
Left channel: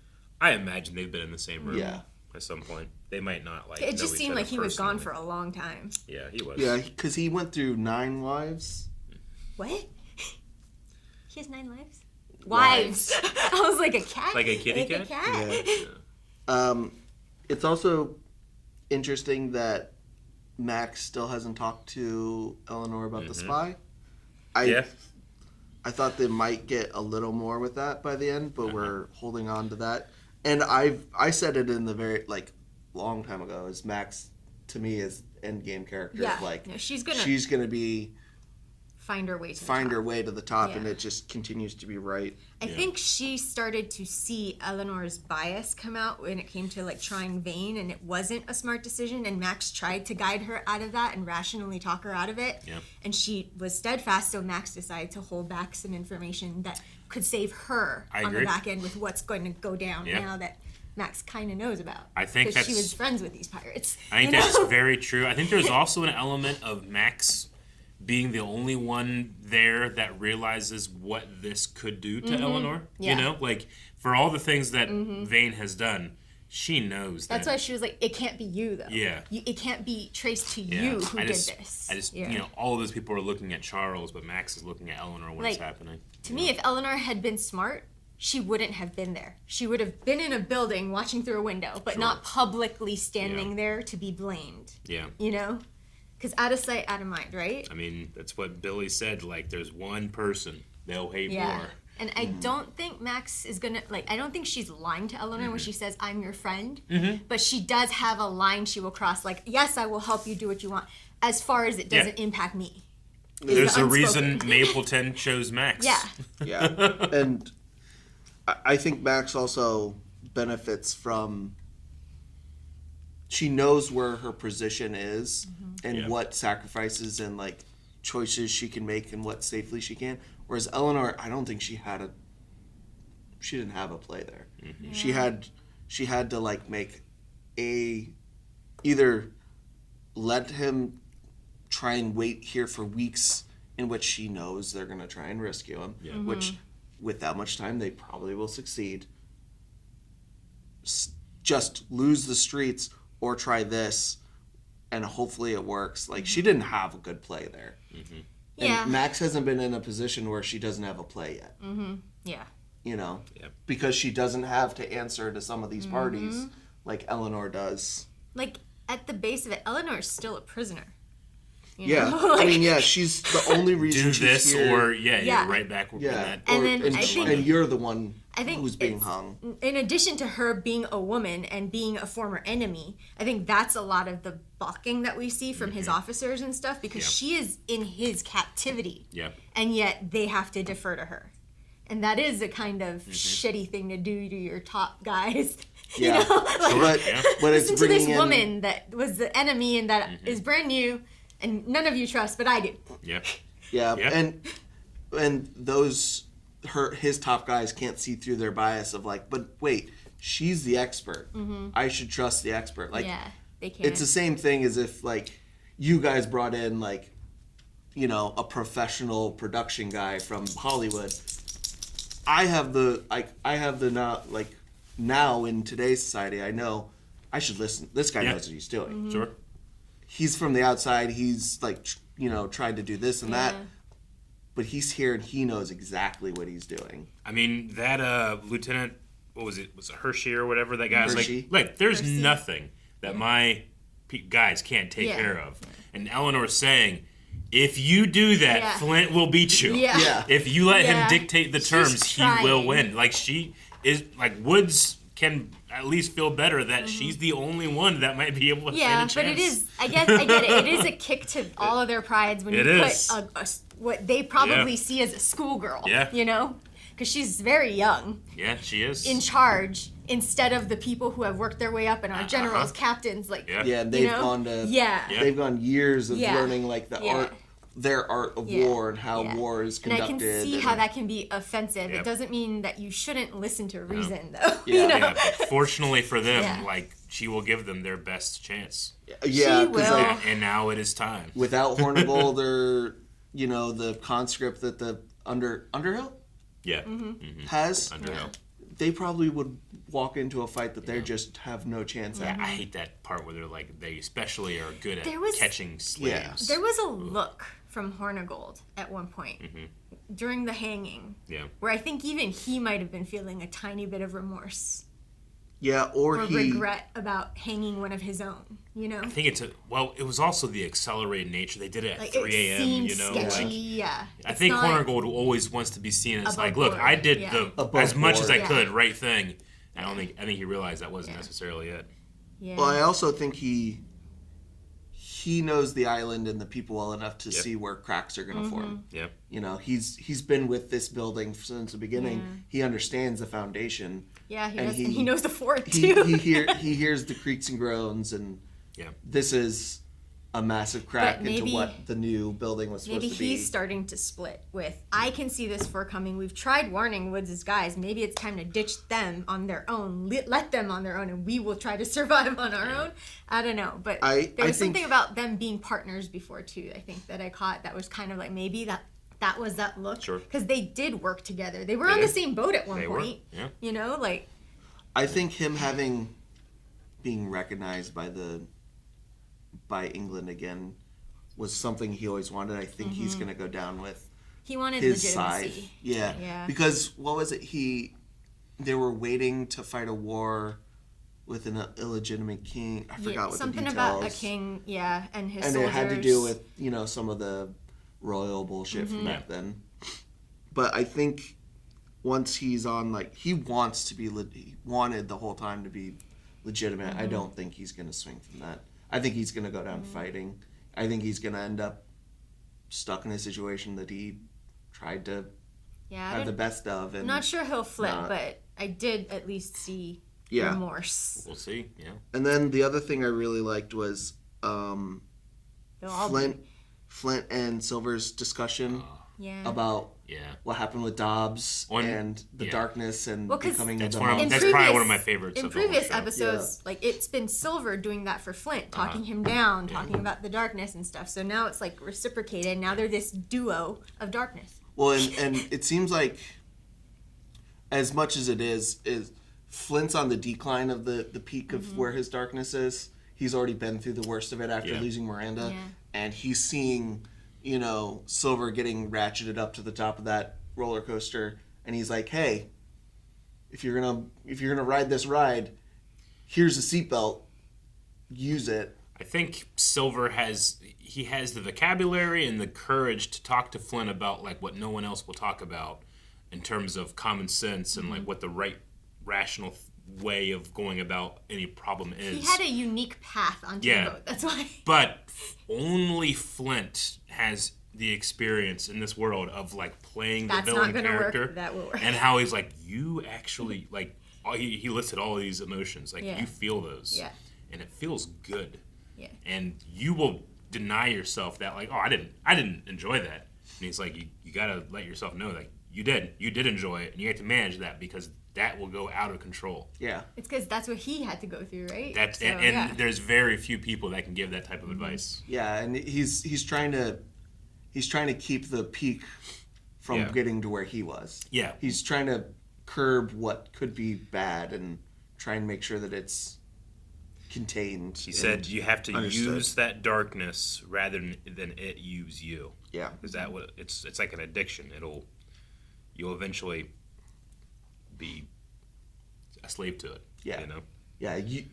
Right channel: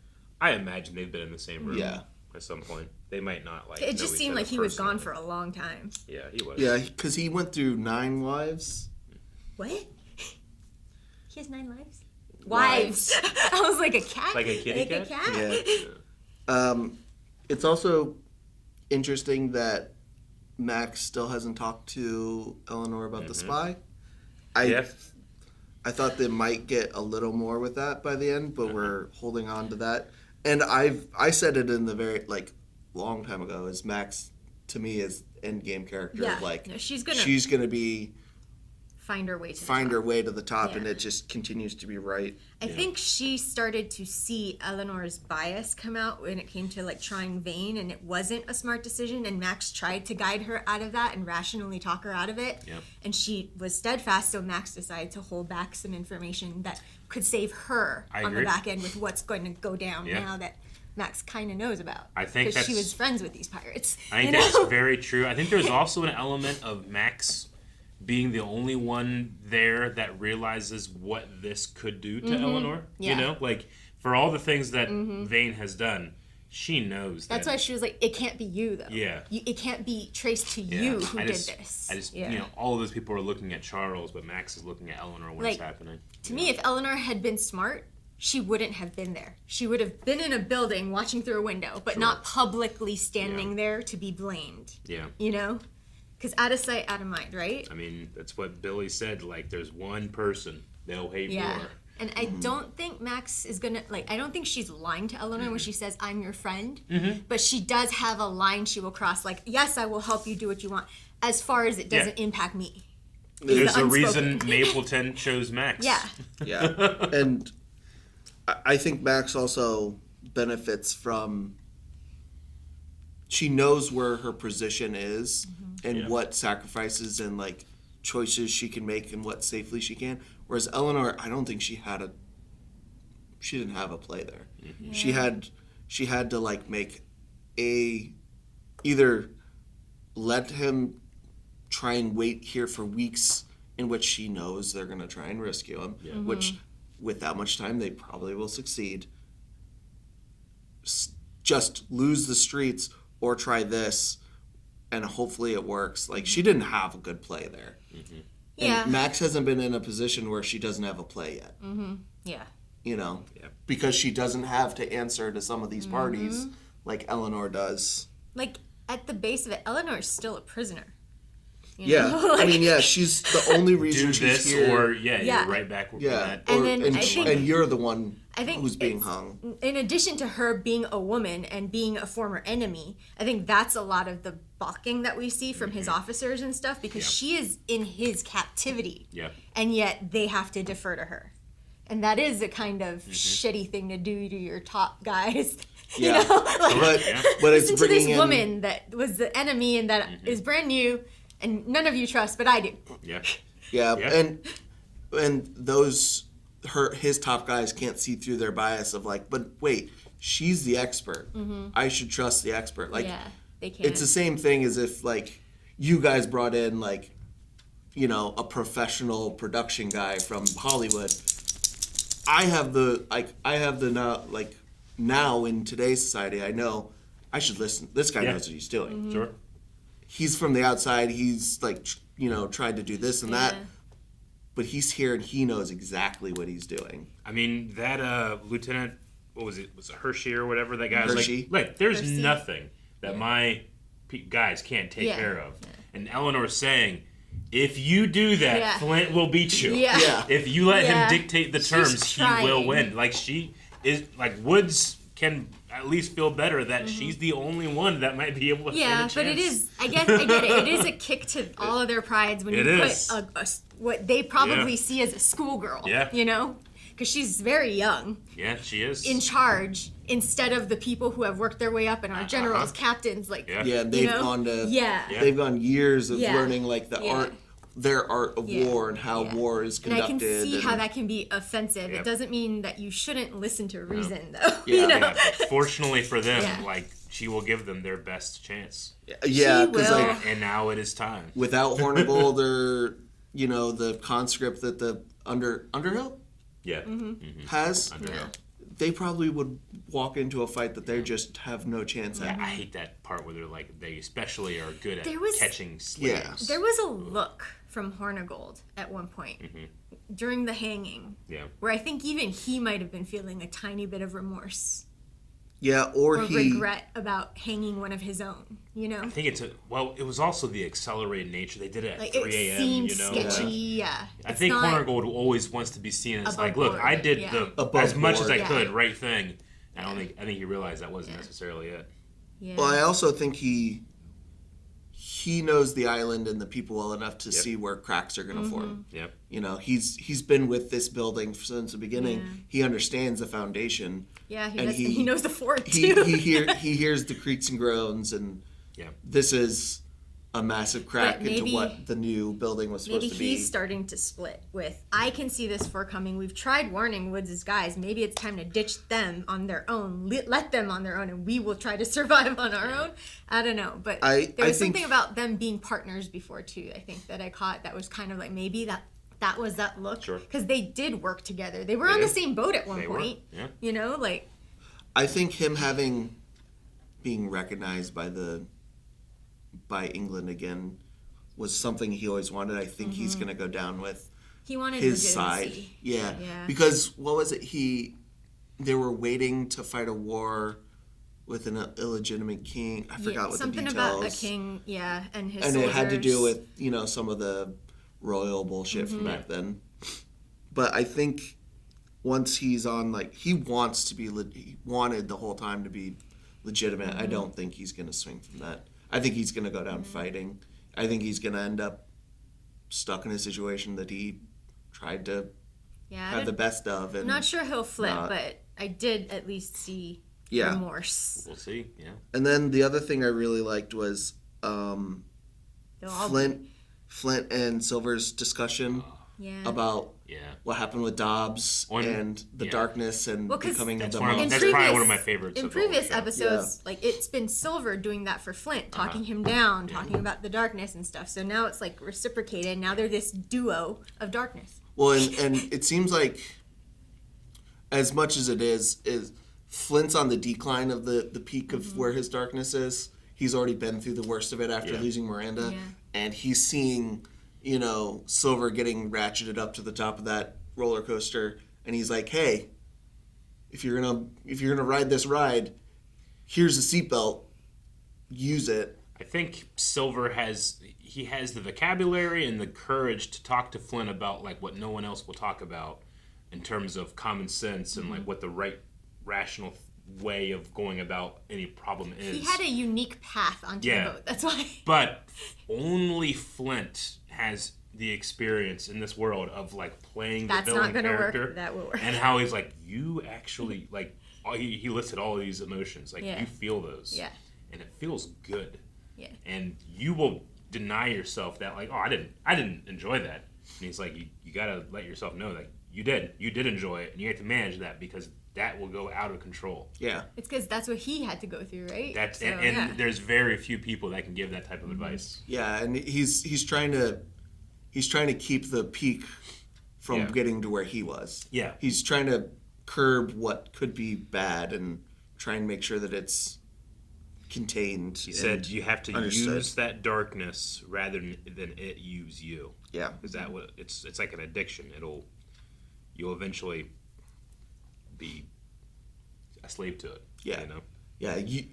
I imagine they've been in the same room at some point. They might not It just seemed like he was gone for a long time. Yeah, he was. Yeah, because he went through 9 wives. What? He has 9 lives? Wives. I was like, a cat? Like a kitty cat? Yeah. It's also interesting that Max still hasn't talked to Eleanor about the spy. I thought they might get a little more with that by the end, but we're holding on to that. And I said it in the very long time ago. Is Max to me is endgame character? Yeah, she's gonna be find her way to the top, and it just continues to be right. I think she started to see Eleanor's bias come out when it came to trying Vane, and it wasn't a smart decision, and Max tried to guide her out of that and rationally talk her out of it. And she was steadfast, so Max decided to hold back some information that could save her on the back end with what's going to go down now that Max kind of knows about. I think because she was friends with these pirates. I think that's very true. I think there's also an element of Max being the only one there that realizes what this could do to Eleanor. You know, for all the things that Vane has done, she knows that's why she was like, it can't be you though. It can't be traced to you who did this. You know, all of those people are looking at Charles, but Max is looking at Eleanor when it's happening. To me, if Eleanor had been smart, she wouldn't have been there. She would have been in a building watching through a window, but not publicly standing there to be blamed. You know? Because out of sight, out of mind, right? I mean, that's what Billy said. There's one person they'll hate more. And I don't think Max is gonna I don't think she's lying to Eleanor when she says, "I'm your friend." But she does have a line she will cross. Yes, I will help you do what you want, as far as it doesn't impact me. There's a reason Mapleton chose Max. And I think Max also benefits from. She knows where her position is and what sacrifices and choices she can make and what safely she can. Whereas Eleanor, I don't think she didn't have a play there. She had to make either let him try and wait here for weeks in which she knows they're going to try and rescue him, which with that much time they probably will succeed. Just lose the streets or try this, and hopefully it works. She didn't have a good play there. And Max hasn't been in a position where she doesn't have a play yet. You know? Because she doesn't have to answer to some of these parties like Eleanor does. At the base of it, Eleanor's still a prisoner. You know? I mean, she's the only reason do this she's here. Or you're right back with that. And you're the one who's being hung. In addition to her being a woman and being a former enemy, I think that's a lot of the balking that we see from his officers and stuff, because she is in his captivity. And yet they have to defer to her. And that is a kind of shitty thing to do to your top guys. You know? But it's listen to this woman that was the enemy and that is brand new and none of you trust, but I do. And those his top guys can't see through their bias of but wait, she's the expert. I should trust the expert. They can. It's the same thing as if you guys brought in a professional production guy from Hollywood. I have the now in today's society, I know I should listen. This guy knows what he's doing. Sure. He's from the outside. He's tried to do this and that, but he's here and he knows exactly what he's doing. I mean, that Lieutenant, what was it? Was it Hershey or whatever? That guy was Hershey. There's nothing that my guys can't take care of. And Eleanor's saying, if you do that, Flint will beat you. If you let him dictate the terms, he will win. She is Woods can at least feel better that she's the only one that might be able to stand a chance. But it is, I get it. It is a kick to all of their prides when you put what they probably see as a schoolgirl, you know? Because she's very young. Yeah, she is. In charge, instead of the people who have worked their way up and are generals, captains, and they've gone to they've gone years of learning their art of war and how war is conducted. And I can see how that can be offensive. It doesn't mean that you shouldn't listen to reason, though. But fortunately for them, she will give them their best chance. She will. And now it is time. Without Hornigold or the conscript that the Underhill has, Underhill. They probably would walk into a fight that they just have no chance at. I hate that part where they're they especially are good at catching slaves. There was a look from Hornigold at one point during the hanging. Yeah. Where I think even he might have been feeling a tiny bit of remorse. Yeah, or regret about hanging one of his own, you know? I think it was also the accelerated nature. They did it at 3 a.m., you know? Sketchy, yeah. I think Hornigold always wants to be seen as like, look, I did as much as I could, right thing. I think he realized that wasn't necessarily it. Yeah. Well, I also think he knows the island and the people well enough to see where cracks are going to form. Yep. You know, he's been with this building since the beginning. Yeah. He understands the foundation. Yeah, he knows the fort too. He hears the creaks and groans, and this is a massive crack into what the new building was supposed to be. Maybe he's starting to split with, I can see this forecoming. We've tried warning Woods' guys. Maybe it's time to ditch them on their own. Let them on their own, and we will try to survive on our own. I don't know. But there was something about them being partners before, too, I think, that I caught that was kind of like maybe that was that look. Sure. Because they did work together. They were on the same boat at one point. Yeah. You know, like. I think him being recognized by England again was something he always wanted. I think he's going to go down with he wanted his legitimacy. side. Yeah. Because what was it? They were waiting to fight a war with an illegitimate king. I forgot what something the details. About a king, and his and soldiers. it had to do with some of the royal bullshit from back then. But I think once he's on, he wants to be, he wanted the whole time to be legitimate. I don't think he's going to swing from that. I think he's going to go down fighting. I think he's going to end up stuck in a situation that he tried to have the best of. And not sure he'll flip, but I did at least see remorse. We'll see, yeah. And then the other thing I really liked was Flint and Silver's discussion about what happened with Dobbs and the darkness and becoming that's probably one of my favorites. In previous episodes, it's been Silver doing that for Flint, talking him down, talking about the darkness and stuff. So now it's reciprocated. Now they're this duo of darkness. Well, and it seems like as much as it is Flint's on the decline of the peak of where his darkness is. He's already been through the worst of it after losing Miranda, and he's seeing Silver getting ratcheted up to the top of that roller coaster, and he's like, "Hey, if you're gonna ride this ride, here's a seatbelt. Use it." I think Silver has the vocabulary and the courage to talk to Flint about what no one else will talk about in terms of common sense and what the right rational way of going about any problem is. He had a unique path onto the boat. That's why. But only Flint has the experience in this world of playing the villain character. That will work. And how he's you actually he listed all of these emotions. You feel those. Yeah. And it feels good. Yeah. And you will deny yourself that I didn't enjoy that. And he's you gotta let yourself know you did enjoy it, and you have to manage that because that will go out of control. Yeah. It's because that's what he had to go through, right? And there's very few people that can give that type of advice. Yeah, and he's trying to keep the peak from getting to where he was. Yeah. He's trying to curb what could be bad and try and make sure that it's contained. He said you have to use that darkness rather than it use you. Yeah. Because it's like an addiction. You'll eventually be a slave to it. Yeah. Yeah, you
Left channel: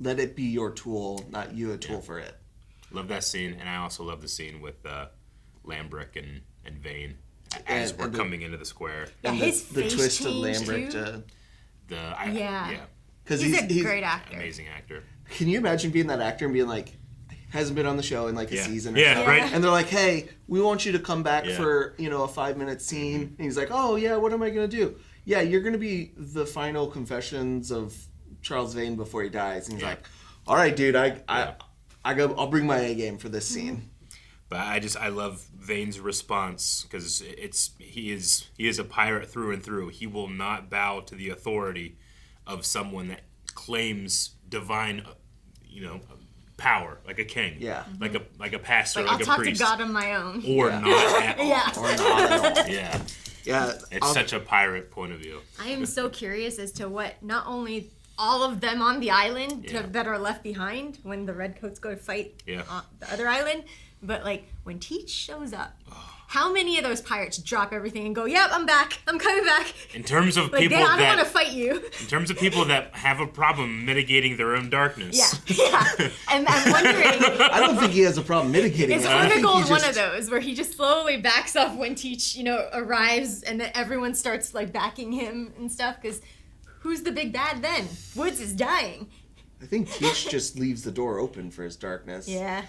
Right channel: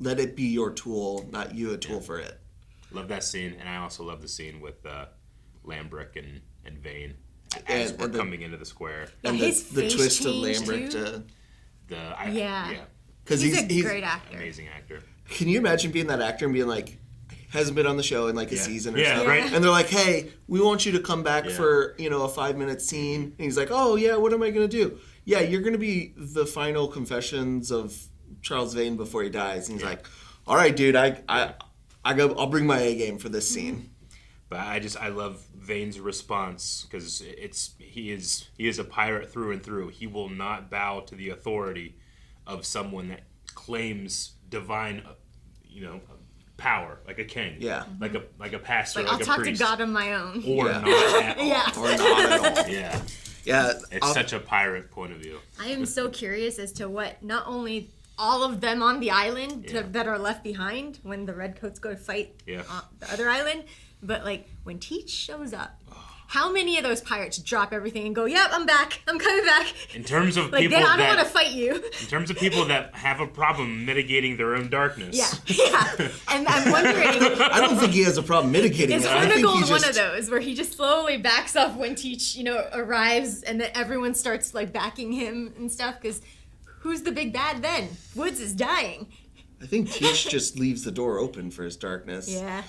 let it be your tool, not you a tool for it. Love that scene, and I also love the scene with Lambrick and Vane as we're coming into the square. And his face twist of changed Lambrick too. Because he's a great actor. Amazing actor. Can you imagine being that actor and being hasn't been on the show in a season or something? Right. And they're like, "Hey, we want you to come back for a 5-minute scene." And he's like, "Oh yeah, what am I gonna do?" "Yeah, you're gonna be the final confessions of Charles Vane before he dies." And he's like, "All right, dude, I'll bring my A game for this scene." But I love Vane's response because he is a pirate through and through. He will not bow to the authority of someone that claims divine, power, like a king, like a pastor, like a priest. I'll talk to God on my own, or not at all, or not at all. Yeah. It's such a pirate point of view. I am so curious as to what not only all of them on the island that are left behind when the redcoats go to fight the other island. But like when Teach shows up, how many of those pirates drop everything and go, "Yep, I'm back. I'm coming back." In terms of like, people I don't want to fight you. In terms of people that have a problem mitigating their own darkness. Yeah. And I'm wondering. I don't think he has a problem mitigating. Is Hornigold one of those where he just slowly backs off when Teach, arrives, and then everyone starts like backing him and stuff? Because who's the big bad then? Woods is dying. I think Teach just leaves the door open for his darkness. Yeah.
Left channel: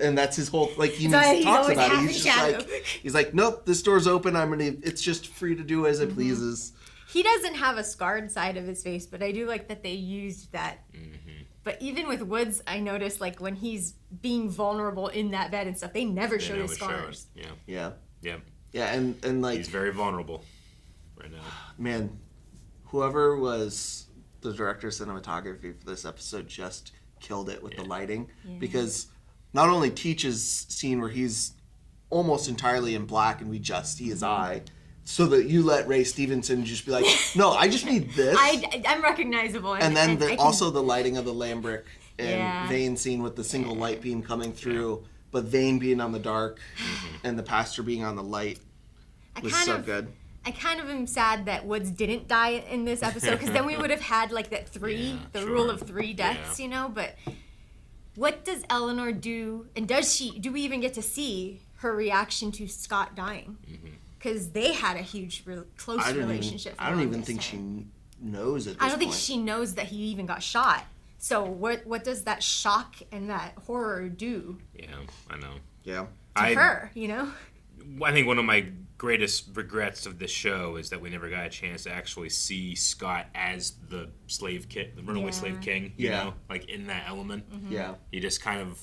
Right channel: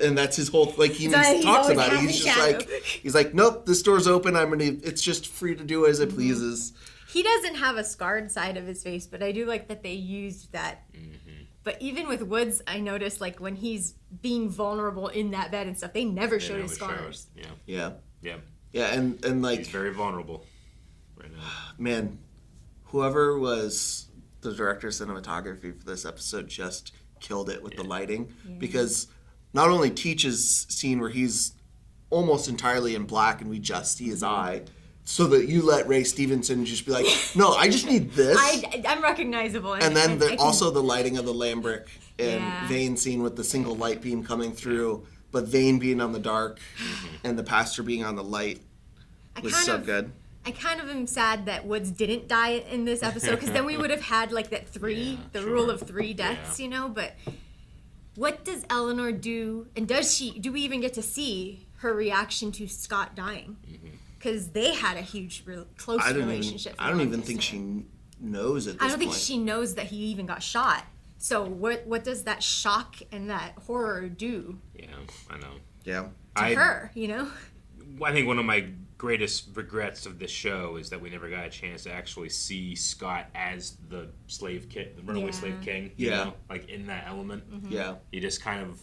And that's his whole, like, he Sorry, talks he's about it. always He's just he's like, nope, this door's open. It's just free to do as it pleases. He doesn't have a scarred side of his face, but I do like that they used that. Mm-hmm. But even with Woods, I noticed, like, when he's being vulnerable in that bed and stuff, they never show his scars. Yeah. Yeah, and like... He's very vulnerable right now. Man, whoever was the director of cinematography for this episode just killed it with the lighting. Because not only Teach's scene where he's almost entirely in black and we just see his eye, so that you let Ray Stevenson just be like, no, I just need this. I'm recognizable. And then also the lighting of the Lambrick and Vane scene with the single light beam coming through, but Vane being on the dark and the pastor being on the light was so good. I kind of am sad that Woods didn't die in this episode, because then we would have had like that rule of 3 deaths, But what does Eleanor do, and do we even get to see her reaction to Scott dying? Because they had a huge, close relationship. I don't even think she knows at this I don't think point. she knows that he even got shot. So what does that shock and that horror do? Yeah, I know. Yeah. To her, I think one of my greatest regrets of this show is that we never got a chance to actually see Scott as the slave king, the runaway slave king, you know, like in that element. Yeah. He just kind of,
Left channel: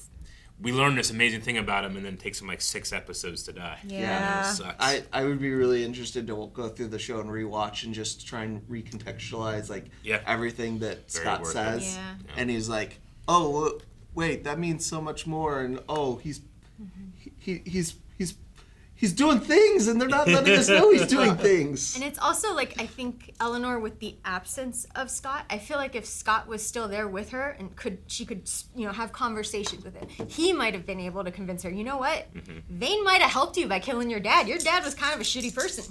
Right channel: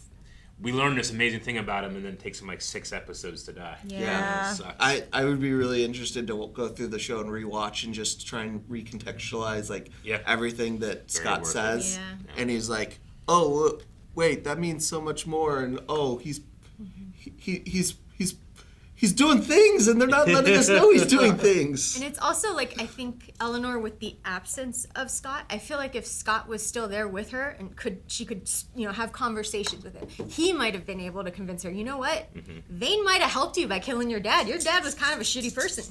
we learned this amazing thing about him and then it takes him like 6 episodes to die. Yeah. I would be really interested to go through the show and rewatch and just try and recontextualize like everything that Scott says. And he's like, oh, wait, that means so much more. And he's doing things, and they're not letting us know he's doing things. And it's also like, I think Eleanor, with the absence of Scott, I feel like if Scott was still there with her and she could have conversations with him, he might have been able to convince her, you know what, Vane might have helped you by killing your dad. Your dad was kind of a shitty person.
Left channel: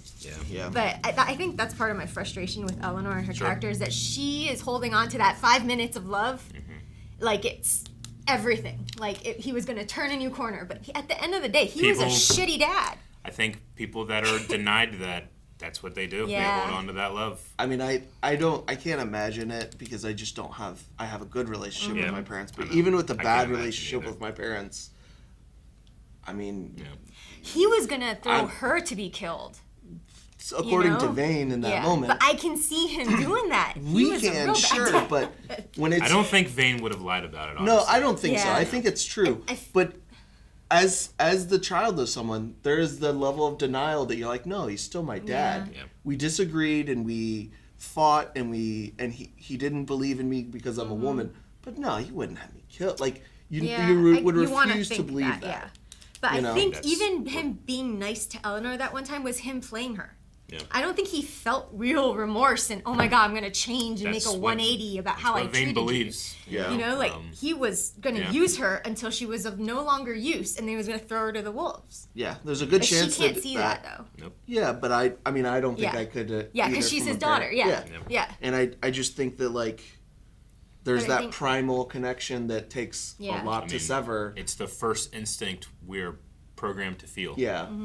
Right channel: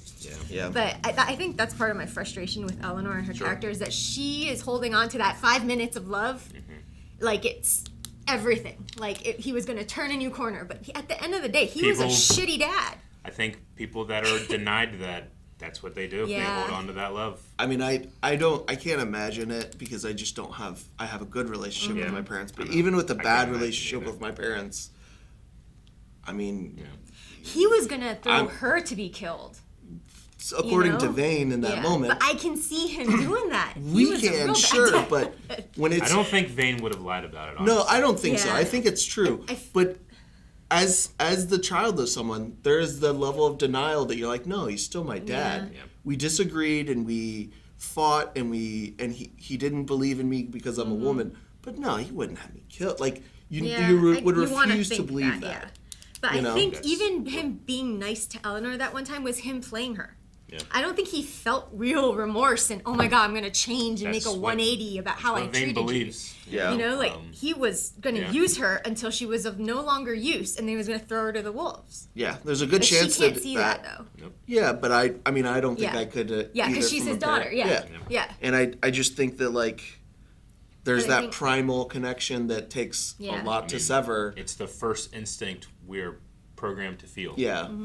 Yeah. But I think that's part of my frustration with Eleanor and her character, is that she is holding on to that 5 minutes of love like it's everything. Like he was going to turn a new corner, but at the end of the day, he was a shitty dad. I think people that are denied that's what they do. They hold on to that love. I mean, I can't imagine it, because I just don't have, I have a good relationship with my parents, but even with a bad relationship with my parents, I mean, he was going to throw her to be killed. According to Vane in that moment. But I can see him doing that. We can, sure, but when it's... I don't think Vane would have lied about it, honestly. No, I don't think so. I think it's true. But as the child of someone, there's the level of denial that you're like, no, he's still my dad. Yeah. We disagreed and we fought and he didn't believe in me because I'm a woman. But no, he wouldn't have me killed. Like, you would refuse to believe that. But I think even him being nice to Eleanor that one time was him playing her. Yeah. I don't think he felt real remorse and, oh my God, I'm going to change and make a 180 about how I treated believes. you. He was going to use her until she was of no longer use, and then he was going to throw her to the wolves. Yeah, there's a good chance she can't see that though. Nope. Yeah, but I don't think I could. Because she's his daughter. Yeah. And I just think that like there's that primal connection that takes a lot to sever. It's the first instinct we're programmed to feel.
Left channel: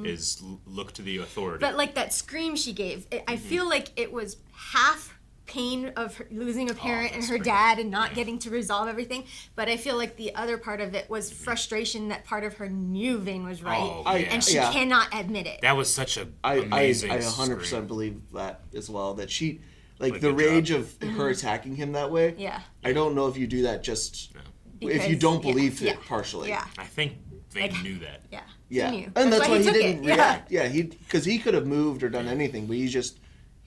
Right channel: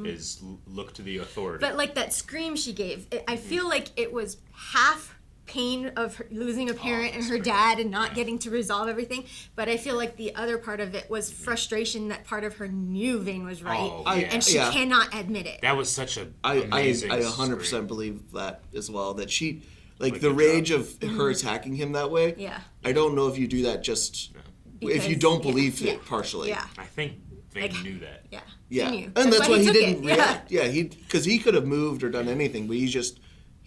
Is look to the authority. But like that scream she gave, I feel like it was half pain of her losing a parent and her dad and not getting to resolve everything, but I feel like the other part of it was frustration that part of her knew Vane was right, and she cannot admit it. That was such a amazing I 100% believe that as well, that she like the rage of her attacking him that way. I don't know if you do that just if you don't believe it partially. I think Vane knew that. Yeah, he knew. And that's why he didn't it. react. Because he could have moved or done anything, but he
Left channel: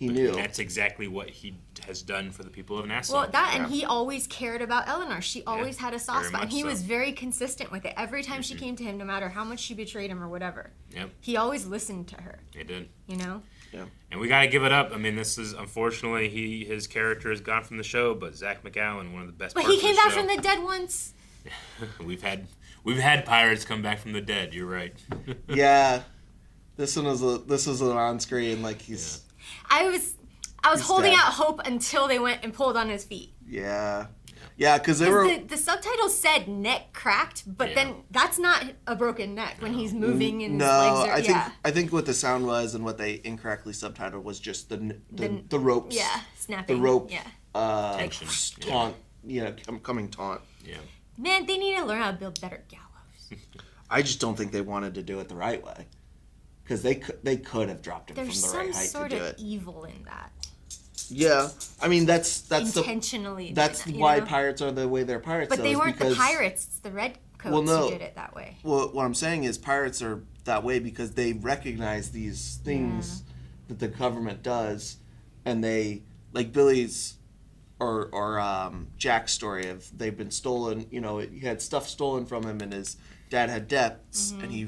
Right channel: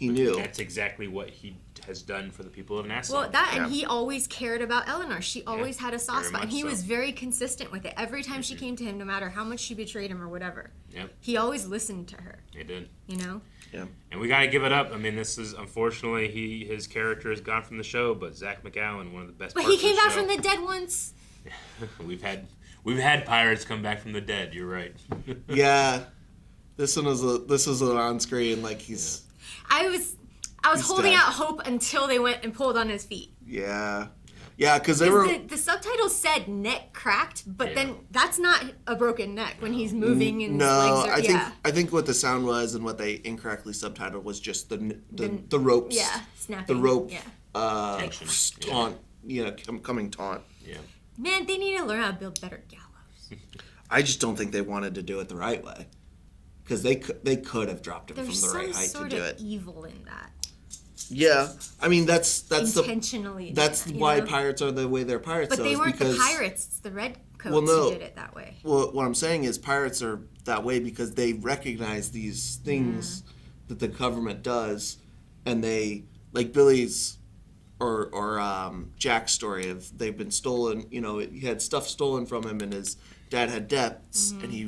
knew. That's exactly what he has done for the people of Nassau. Well, and he always cared about Eleanor. She always had a soft spot, and he was very consistent with it. Every time she came to him, no matter how much she betrayed him or whatever, he always listened to her. He did. Yeah. And we got to give it up. I mean, this is unfortunately his character has gone from the show, but Zach McAllen, one of the best. But he came back from the dead once. We've We've had pirates come back from the dead. You're right. Yeah, this was an on screen like he's. Yeah. I was holding out hope until they went and pulled on his feet. Yeah. Yeah, because they were. The subtitles said neck cracked, but then that's not a broken neck when he's moving and his legs are. I think what the sound was and what they incorrectly subtitled was just the ropes. Yeah, snapping. The rope. Yeah. Taunt. Coming taunt. Yeah. Man, they need to learn how to build better gallows. I just don't think they wanted to do it the right way, because they could have dropped him from the right height to do it. There's some sort of evil in that. Yeah, I mean that's intentionally. That's why pirates are the way they're pirates. But they weren't the pirates; it's the redcoats who did it that way. Well, what I'm saying is pirates are that way because they recognize these things that the government does, and they like Billy's or Jack's story of they've been stolen. You know, he had stuff stolen from him, and his dad had debts, and he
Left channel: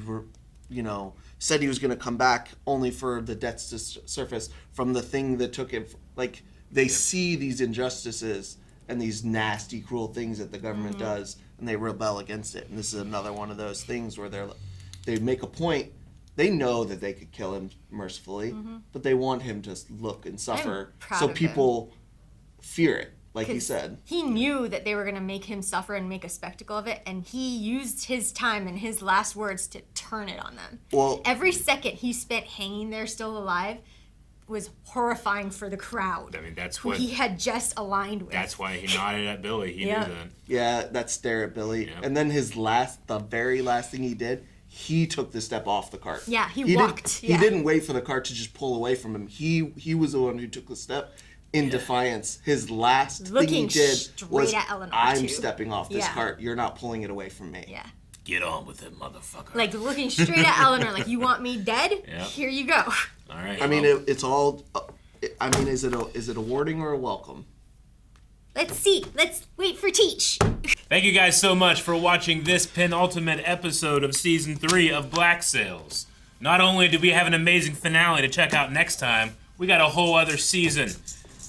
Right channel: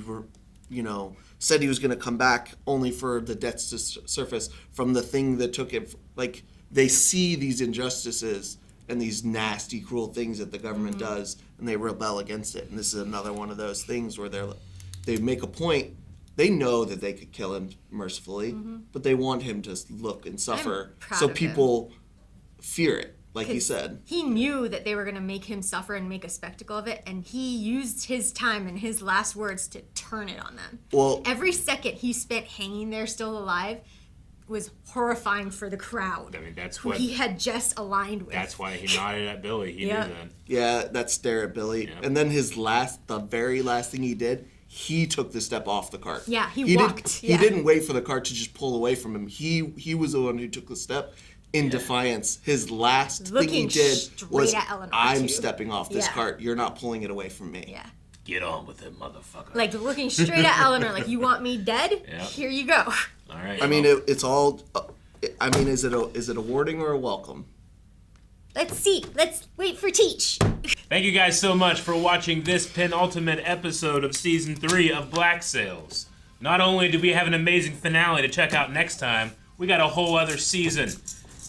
said he was going to come back only for the debts to surface from the thing that took him. Like, they see these injustices and these nasty, cruel things that the government does, and they rebel against it. And this is another one of those things where they make a point. They know that they could kill him mercifully, but they want him to look and suffer so people fear it, like he said. He knew that they were going to make him suffer and make a spectacle of it, and he used his time and his last words to turn it on them. Well, every second he spent hanging there still alive was horrifying for the crowd. I mean, that's what he he had just aligned with. That's why he nodded at Billy. He knew that. Yeah, that stare at Billy. Yep. And then the very last thing he did, he took the step off the cart. Yeah, he walked. He didn't wait for the cart to just pull away from him. He was the one who took the step in defiance. His last thing he did was, at Eleanor, I'm stepping off this cart. You're not pulling it away from me. Yeah. Get on with it, motherfucker. Like, looking straight at Eleanor, like, you want me dead? Yep. Here you go. All right. I mean, it's all. I mean, is it a warning or a welcome? Let's see. Let's wait for Teach. Thank you guys so much for watching this penultimate episode of Season 3 of Black Sails. Not only did we have an amazing finale to check out next time, we got a whole other season,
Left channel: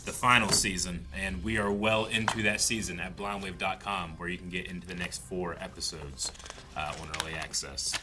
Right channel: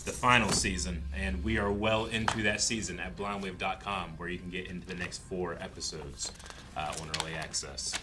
the final season, and we are well into that season at blindwave.com, where you can get into the next 4 episodes on early access.